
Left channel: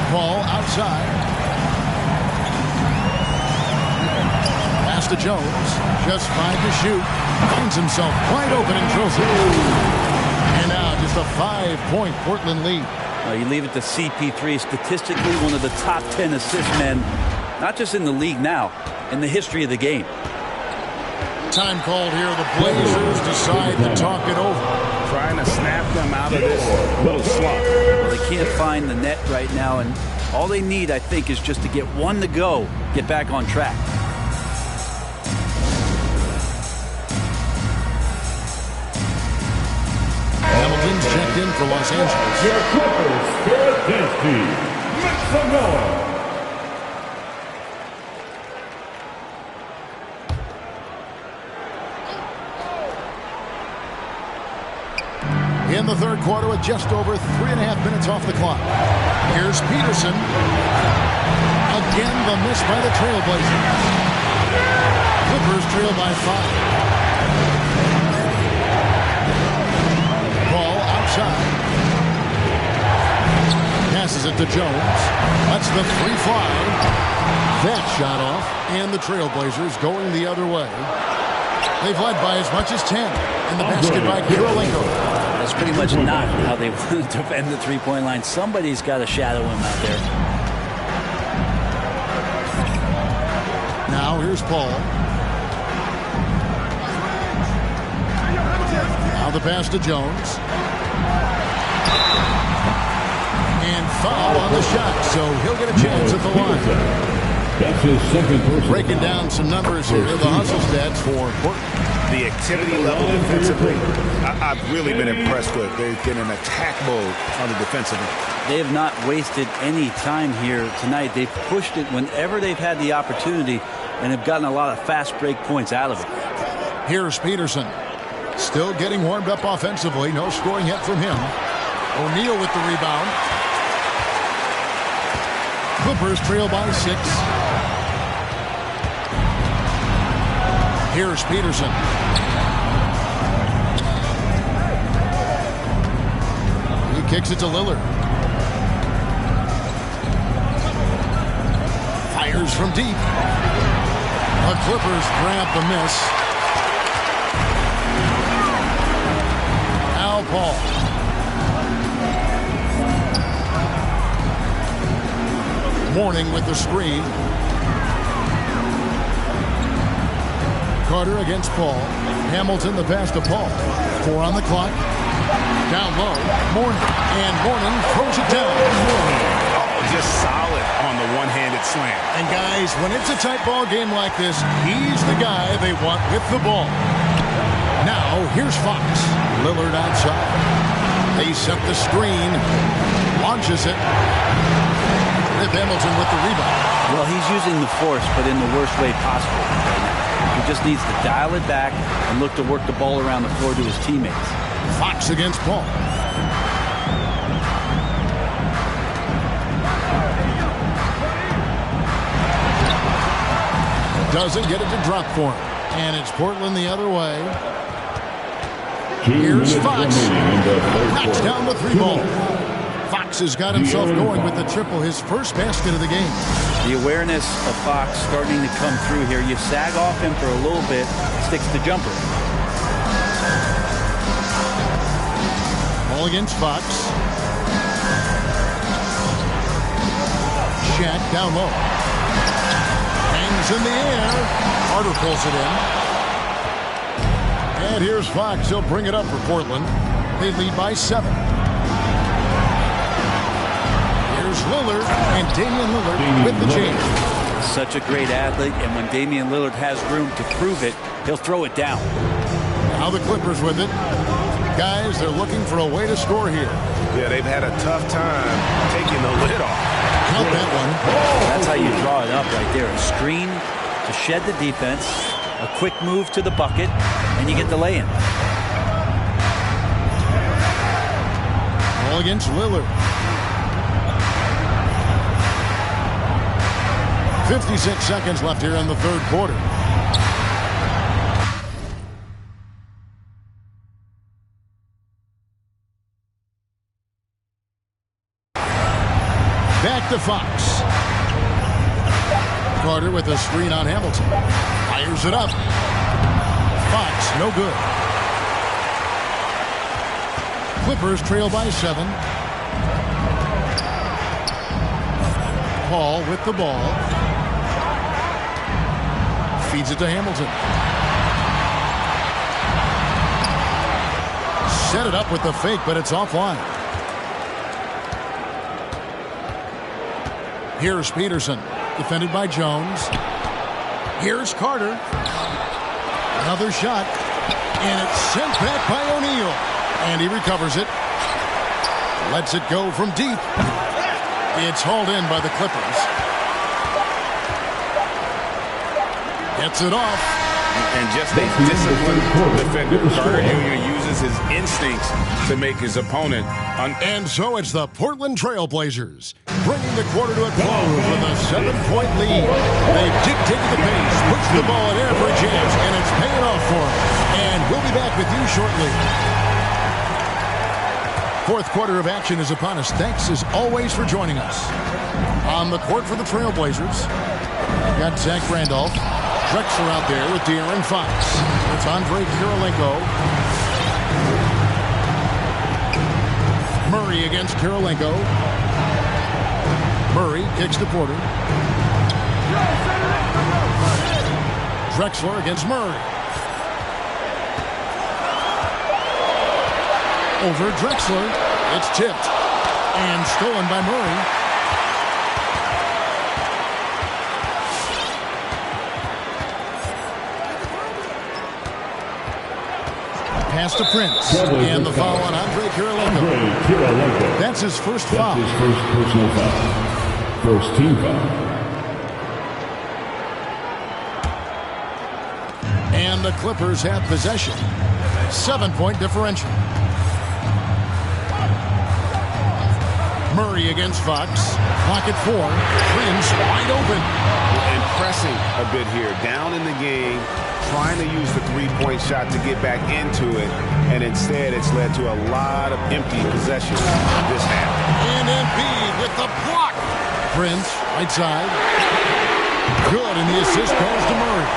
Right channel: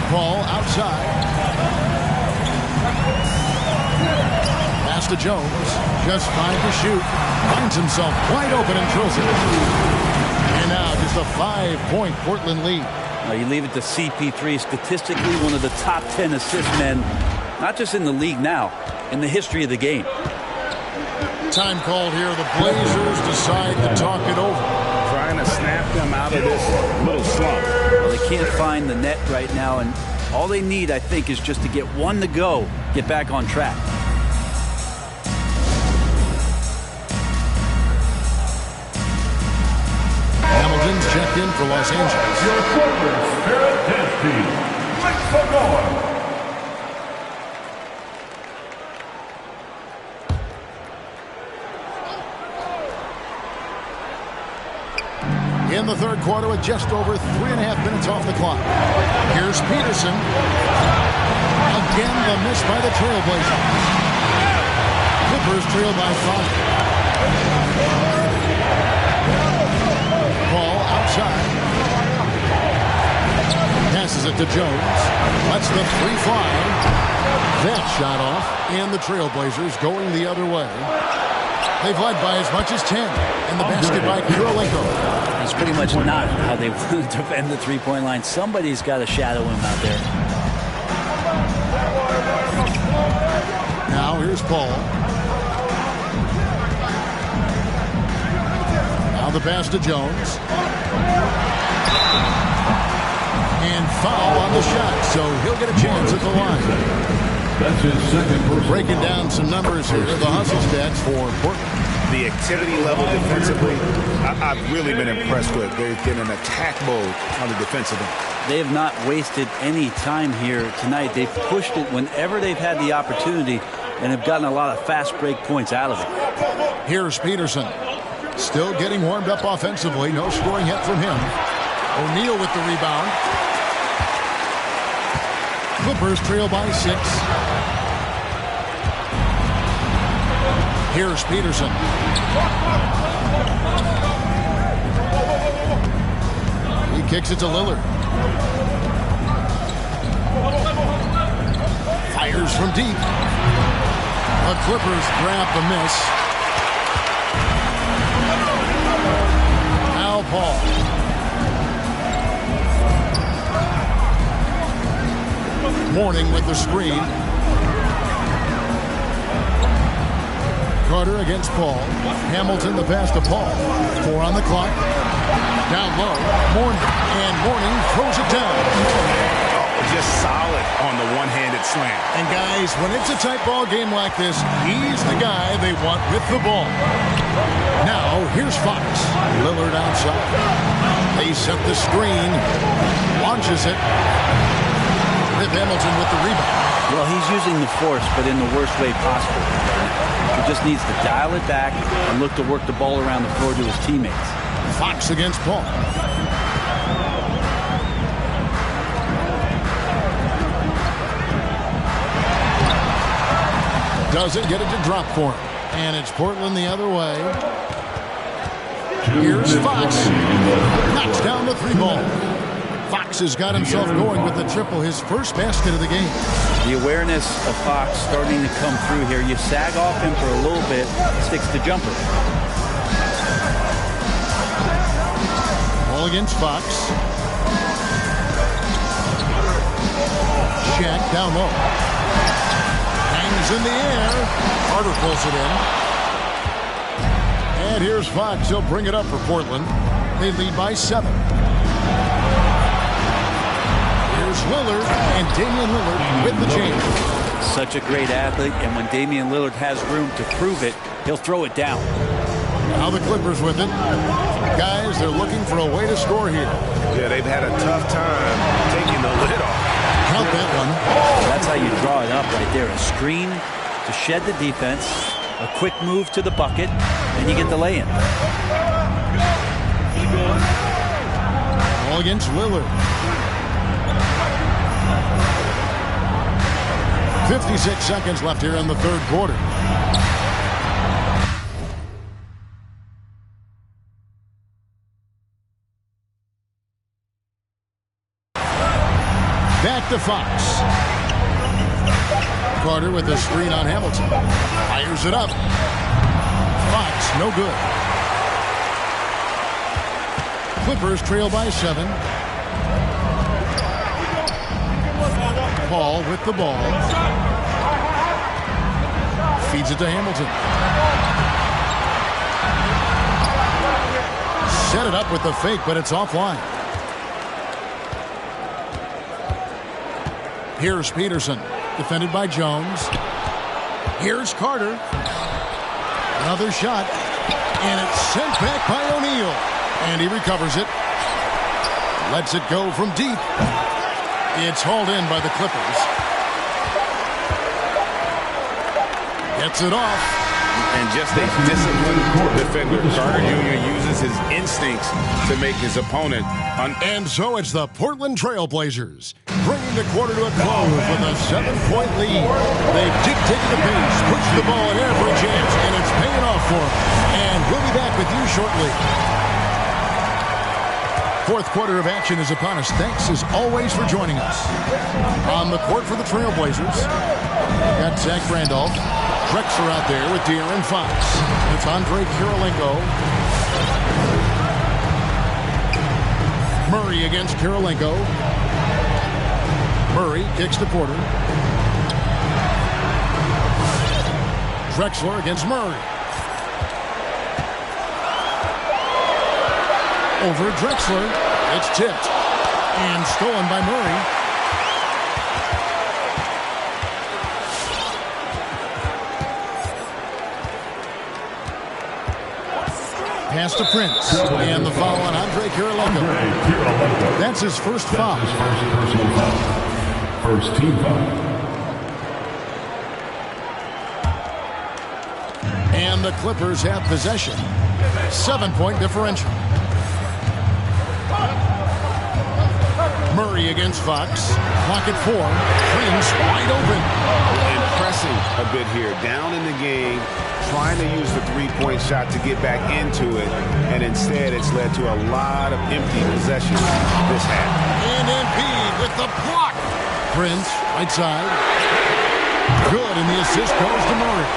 Paul outside. Pass to Jones. Just 5 to shoot. Finds himself wide open and drills it. And now just a 5-point Portland lead. You leave it to CP3, statistically one of the top 10 assist men, not just in the league now, in the history of the game. Time called here. The Blazers decide to talk it over. Trying to snap them out of this little slump. Well, they can't find the net right now, and all they need, I think, is just to get one to go, get back on track. Hamilton's checked in for Los Angeles. Your Clippers Spirit Dance Team. Make some noise. In the third quarter with just over 3.5 minutes off the clock. Here's Peterson. Again, the miss by the Trailblazers. Clippers trail by 5. Paul outside. Passes it to Jones. Lets the 3 fly. That shot off. And the Trailblazers going the other way. They've led by as much as 10. And the basket by Kirilenko. That's pretty much not how they want to defend the three-point line. Somebody's got to shadow him out there. Now here's Paul. Now the pass to Jones. And foul on the shot, so he'll get a chance at the line. That's his second personal. Breaking down some numbers here, the hustle stats for Portland. The activity level defensively, I've really been impressed with. They've been in attack mode on the defensive end. They have not wasted any time here tonight. They've pushed it whenever they've had the opportunity and have gotten a lot of fast break points out of it. Here's Peterson. Still getting warmed up offensively. No scoring yet from him. O'Neal with the rebound. Clippers trail by 6. Here's Peterson. He kicks it to Lillard. Fires from deep. The Clippers grab the miss. Al Paul. Mourning with the screen. Carter against Paul. Hamilton the pass to Paul. 4 on the clock. Down low. Mourning. And Mourning throws it down. Oh, just solid on the one-handed slam. And guys, when it's a tight ball game like this, he's the guy they want with the ball. Now, here's Fox. Lillard outside. They set the screen. Launches it. Rip Hamilton with the rebound. Well, he's using the force, but in the worst way possible right now. He just needs to dial it back and look to work the ball around the floor to his teammates. Fox against Paul. Doesn't get it to drop for him. And it's Portland the other way. Here's Fox. Knocks down the 3 ball. Fox has got himself going with the triple, his first basket of the game. The awareness of Fox starting to come through here. You sag off him for a little bit, sticks the jumper. Ball against Fox. Shaq down low. Hangs in the air. Carter pulls it in. And here's Fox. He'll bring it up for Portland. They lead by 7. Here's Lillard, and Damian Lillard with the change. Such a great athlete, and when Damian Lillard has room to prove it, he'll throw it down. Now the Clippers with it. Guys, they're looking for a way to score here. Yeah, they've had a tough time taking the lid off. Count that one. That's how you draw it up right there. A screen to shed the defense, a quick move to the bucket, and you get the lay-in. Ball against Lillard. 56 seconds left here in the third quarter. Back to Fox. Carter with a screen on Hamilton. Fires it up. Fox, no good. Clippers trail by 7. Paul with the ball. Feeds it to Hamilton. Set it up with the fake, but it's offline. Here's Peterson, defended by Jones. Here's Carter. Another shot, and it's sent back by O'Neal. And he recovers it. Lets it go from deep. It's hauled in by the Clippers. Gets it off. And just a disciplined defender. Carter Jr. uses his instincts to make his opponent. And so it's the Portland Trail Blazers, bringing the quarter to a close with a 7-point lead. They've dictated the pace, pushed the ball at every chance, and it's paying off for them. And we'll be back with you shortly. Fourth quarter of action is upon us. Thanks, as always, for joining us. On the court for the Trail Blazers, got Zach Randolph. Drexler out there with De'Aaron Fox. It's Andre Kirilenko. Murray against Kirilenko. Murray kicks to Porter. Drexler against Murray. Over Drexler. It's tipped and stolen by Murray. Pass to Prince. And the foul on Andre Kirilenko. That's his first foul. That's his first personal foul. First team foul. And the Clippers have possession. 7-point differential. Murray against Fox. Clock at 4. Prince wide open. And pressing a bit here. Down in the game. Trying to use the three-point shot to get back into it. And instead, it's led to a lot of empty possessions this half. And Embiid with the block. Prince, right side. Good, and the assist goes to Murray.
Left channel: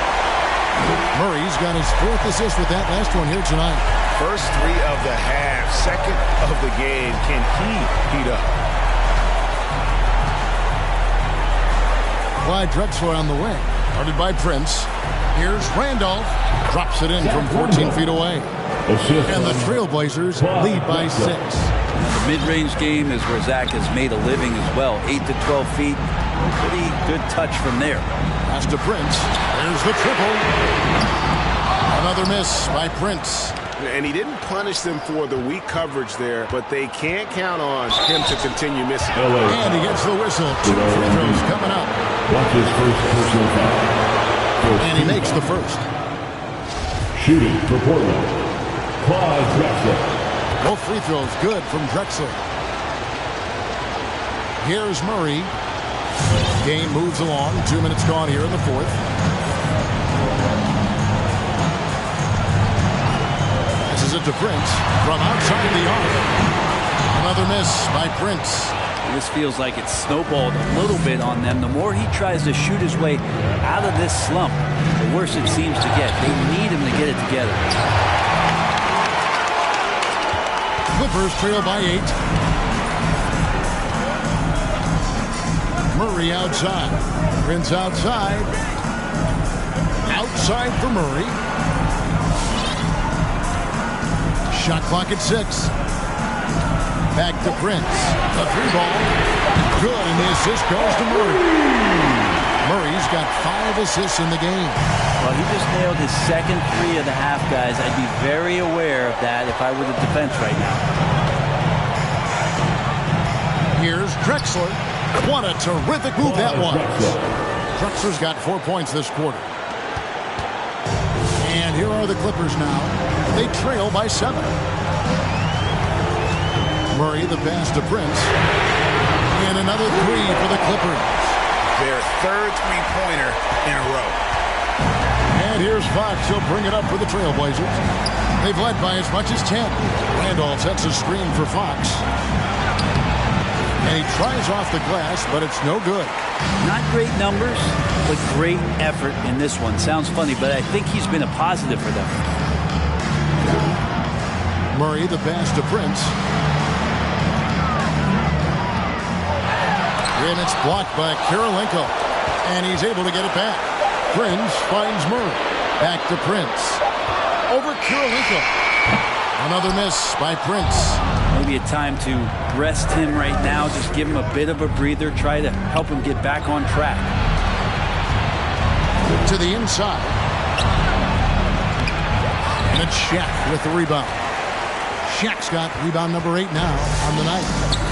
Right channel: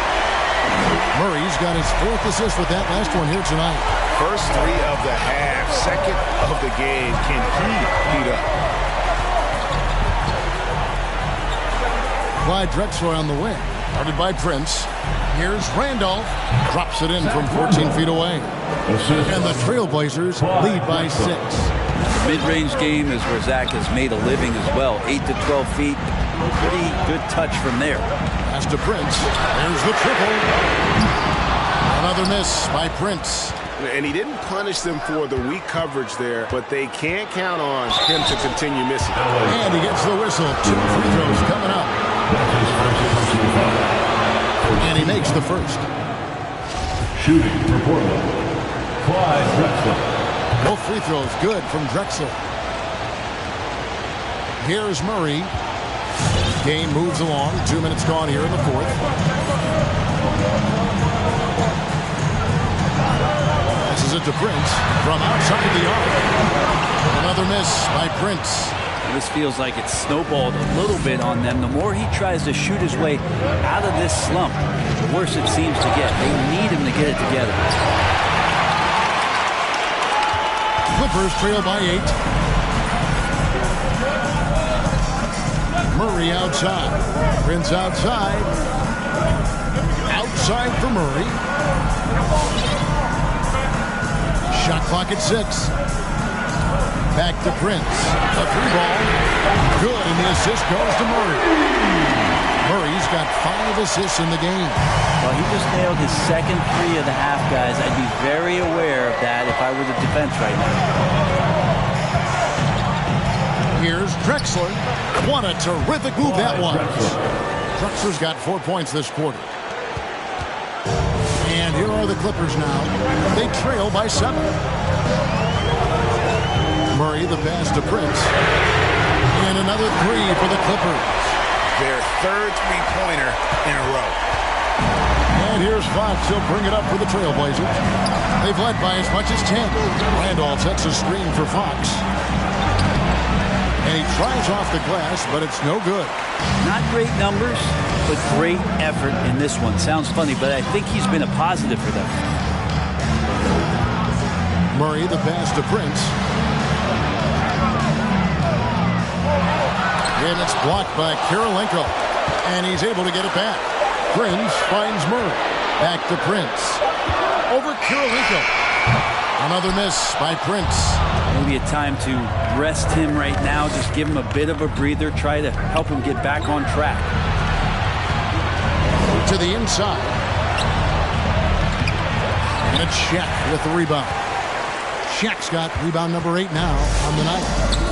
Murray's got his 4th assist with that last one here tonight. First 3 of the half, second of the game. Can he heat up? Clyde Drexler on the wing. Guarded by Prince. Here's Randolph. Drops it in from 14 feet away. And the Trailblazers lead by 6. Now the mid-range game is where Zach has made a living as well. 8 to 12 feet. Pretty good touch from there. Pass to Prince. There's the triple. Another miss by Prince. And he didn't punish them for the weak coverage there, but they can't count on him to continue missing. And he gets the whistle. 2 free throws coming up. That's his first personal foul. And he makes the first. Shooting for Portland, Clyde Drexler. Both free throws good from Drexler. Here's Murray. Game moves along. 2 minutes gone here in the 4th. Passes it to Prince from outside the arc. Another miss by Prince. This feels like it's snowballed a little bit on them. The more he tries to shoot his way out of this slump, the worse it seems to get. They need him to get it together. Clippers trail by 8. Murray outside. Prince outside. Outside for Murray. Shot clock at 6. Back to Prince. A 3-ball. Good, and the assist goes to Murray. Murray's got 5 assists in the game. Well, he just nailed his second 3 of the half, guys. I'd be very aware of that if I were the defense right now. Here's Drexler. What a terrific move that was. Drexler's got 4 points this quarter. And here are the Clippers now. They trail by 7. Murray, the pass to Prince. And another 3 for the Clippers. Their third three-pointer in a row. And here's Fox. He'll bring it up for the Trailblazers. They've led by as much as 10. Randolph sets a screen for Fox. And he tries off the glass, but it's no good. Not great numbers, but great effort in this one. Sounds funny, but I think he's been a positive for them. Murray, the pass to Prince. And it's blocked by Kirilenko. And he's able to get it back. Prince finds Murray. Back to Prince. Over Kirilenko. Another miss by Prince. Maybe a time to rest him right now. Just give him a bit of a breather. Try to help him get back on track. To the inside. And it's Shaq with the rebound. Shaq's got rebound number 8 now on the night.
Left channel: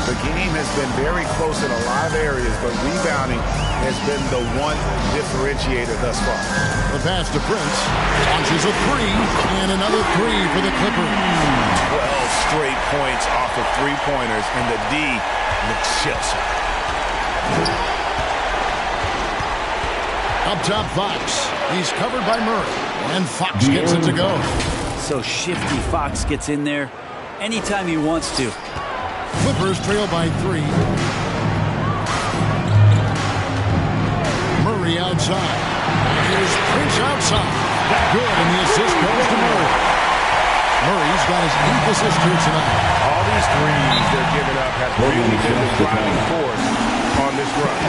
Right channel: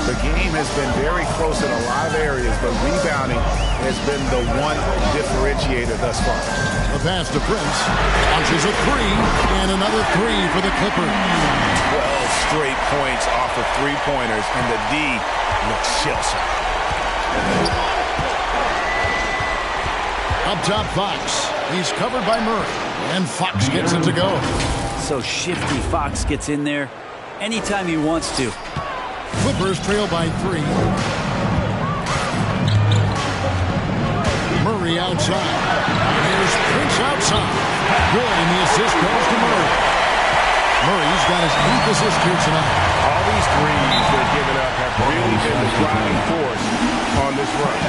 The game has been very close in a lot of areas, but rebounding has been the one differentiator thus far. The pass to Prince. Launches a 3, and another 3 for the Clippers. 12 straight points off of three-pointers, and the D looks shell-shocked. Up top, Fox. He's covered by Murray, and Fox gets it to go. So shifty. Fox gets in there anytime he wants to. Clippers trail by 3. Murray outside. And here's Prince outside. Good, and the assist goes to Murray. Murray's got his 8th assist here tonight. All these threes they're giving up have really been the driving force on this run.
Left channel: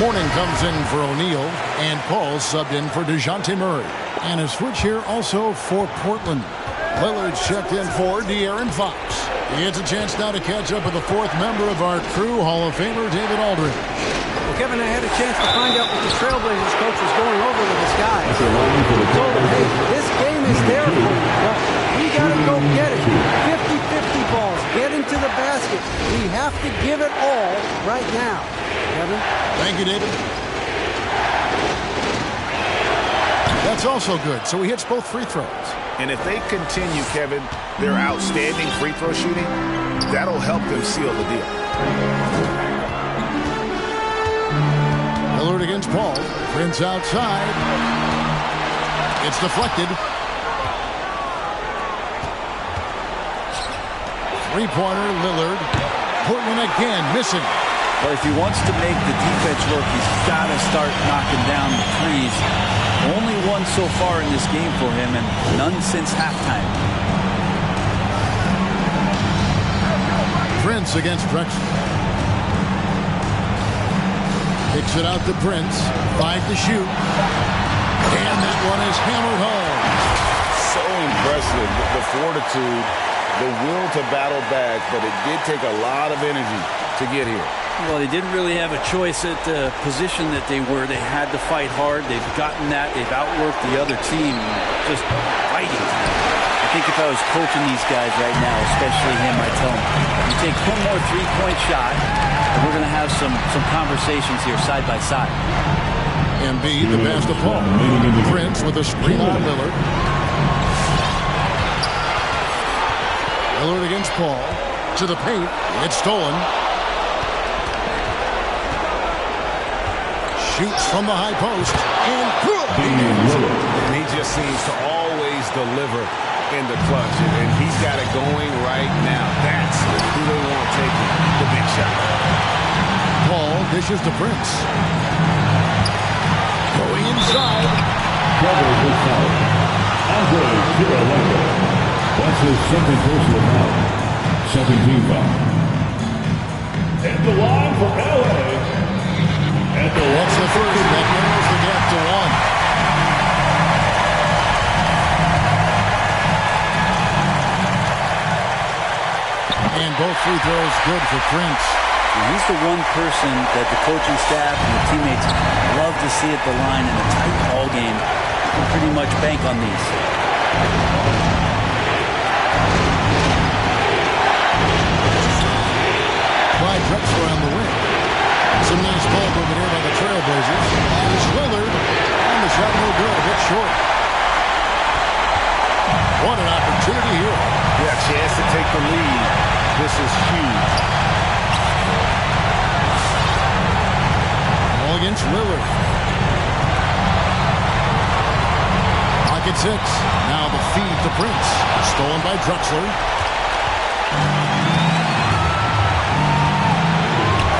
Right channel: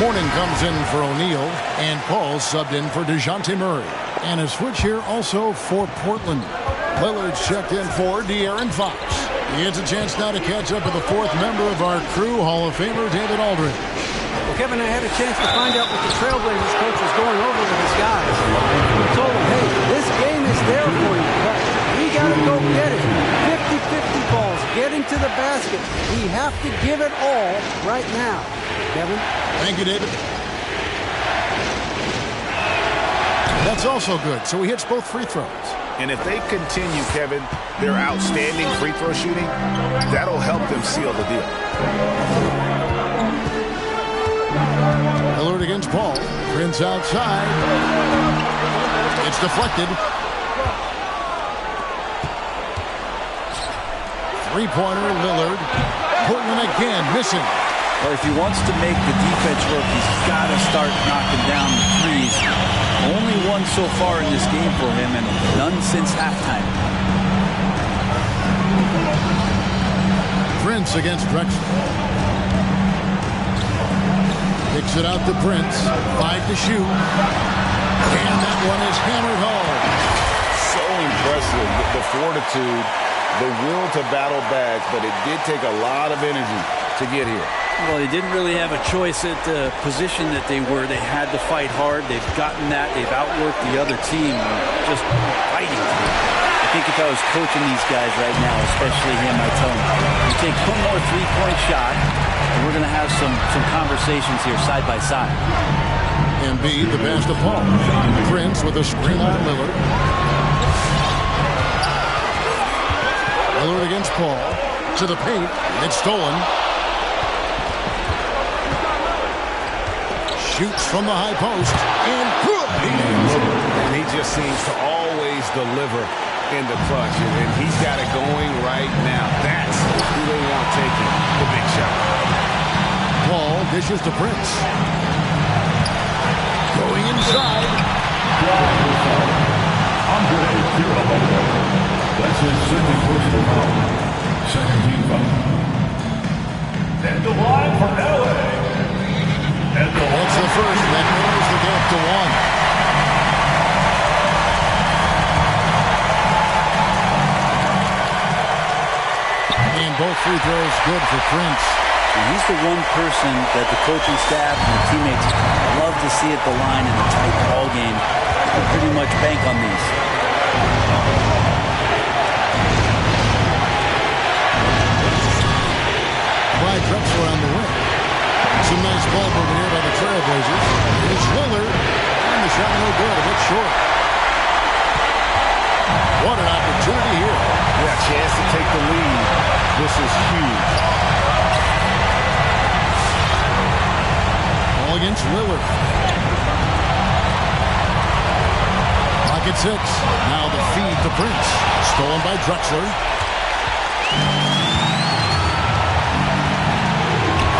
Mourning comes in for O'Neal, and Paul subbed in for DeJounte Murray. And a switch here also for Portland. Lillard's checked in for De'Aaron Fox. He gets a chance now to catch up with the 4th member of our crew, Hall of Famer David Aldridge. Well, Kevin, I had a chance to find out what the Trailblazers coach was going over with his guys. He told them, hey, this game is there for you, but we got to go get it. 50-50 balls, get into the basket. We have to give it all right now. Kevin? Thank you, David. That's also good. So he hits both free throws. And if they continue, Kevin, their outstanding free throw shooting, that'll help them seal the deal. Lillard against Paul. Prince outside. It's deflected. Three-pointer, Lillard. Portland again missing. Well, if he wants to make the defense work, he's got to start knocking down the threes. Only one so far in this game for him, and none since halftime. Prince against Drexler. Kicks it out to Prince. 5 to shoot. And that one is hammered home. So impressive, the fortitude, the will to battle back, but it did take a lot of energy to get here. Well, they didn't really have a choice at the position that they were. They had to fight hard. They've gotten that. They've outworked the other team, just fighting through it. I think if I was coaching these guys right now, especially him, I'd tell him, you take one more three-point shot, and we're going to have some conversations here side by side. Embiid, the pass to Paul. Prince with a screen on Lillard. Lillard against Paul. To the paint. It's stolen. Shoots from the high post. And good. And he just seems to always deliver in the clutch. And he's got it going right now. That's who they want taking the big shot. Paul dishes to Prince. Going inside. Andre Kirilenko. That's his second personal foul. Second team foul. And the line for LA. That's the first. That narrows the gap to 1. And both free throws good for Prince. And he's the one person that the coaching staff and the teammates love to see at the line in a tight ball game. You can pretty much bank on these. Clyde Drexler on the wing. Some nice ball movement here by the Trailblazers. Here's Lillard. And the shot no good, a bit short. What an opportunity here. Yeah, chance to take the lead. This is huge. Ball against Lillard. Clock at 6. Now the feed to Prince. Stolen by Drexler.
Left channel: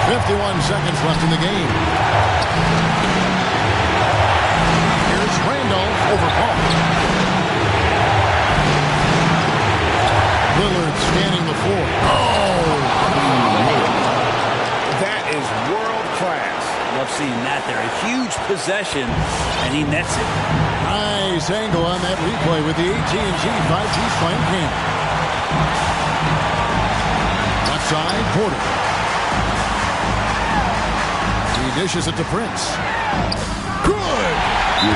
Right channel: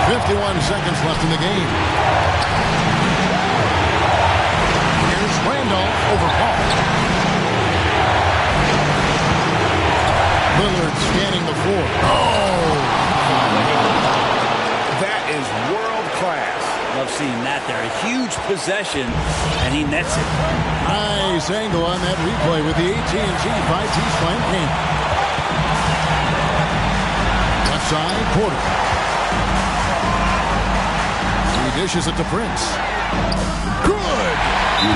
51 seconds left in the game. Here's Randolph over Paul. Lillard scanning the floor. Oh! That is world class. Love seeing that there. A huge possession, and he nets it. Nice angle on that replay with the AT&T 5G Slam Cam. Left side, Porter. He dishes it to Prince. Good!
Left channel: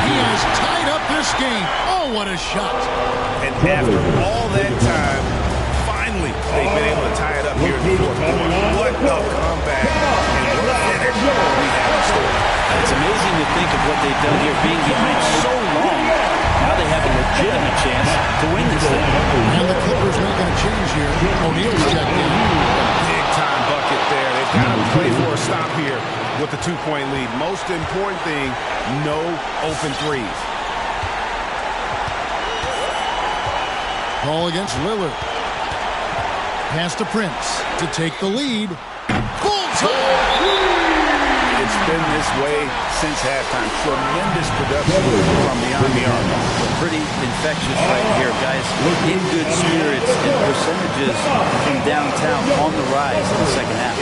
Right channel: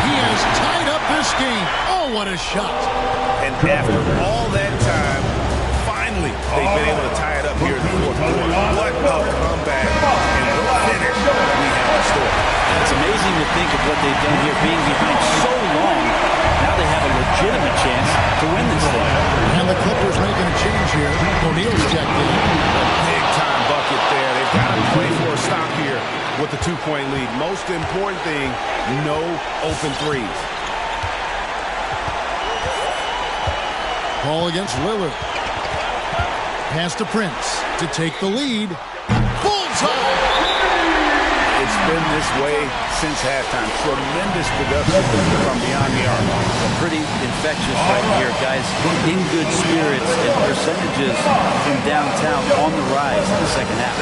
He has tied up this game. Oh, what a shot. And after all that time, finally, they've been able to tie it up here in the fourth quarter. What a comeback and what a finish we have in store. It's amazing to think of what they've done here, being behind so long. Now they have a legitimate chance to win this thing. And the Clippers making a change here. O'Neal's checked in. A big-time bucket there. They've got to play for a stop here with the 2-point lead. Most important thing, no open threes. Ball against Lillard. Pass to Prince to take the lead. Bullseye! It's been this way since halftime. Tremendous production from beyond the arc. Pretty infectious right here, guys. In good spirits and percentages from downtown on the rise in the second half.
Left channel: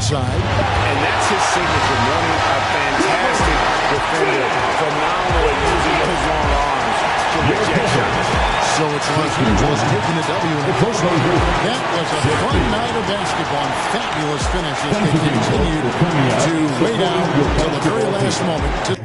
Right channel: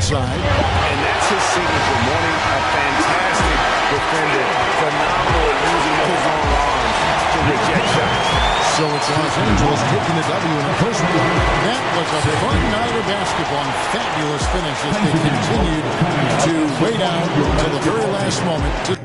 Side. And that's his signature. Morning, a fantastic defender. Phenomenal at using those long arms to reject shots. So it's Los Angeles taking the W in a close one. That was a fun night of basketball and fabulous finish as they continued to wait out until the very last moment to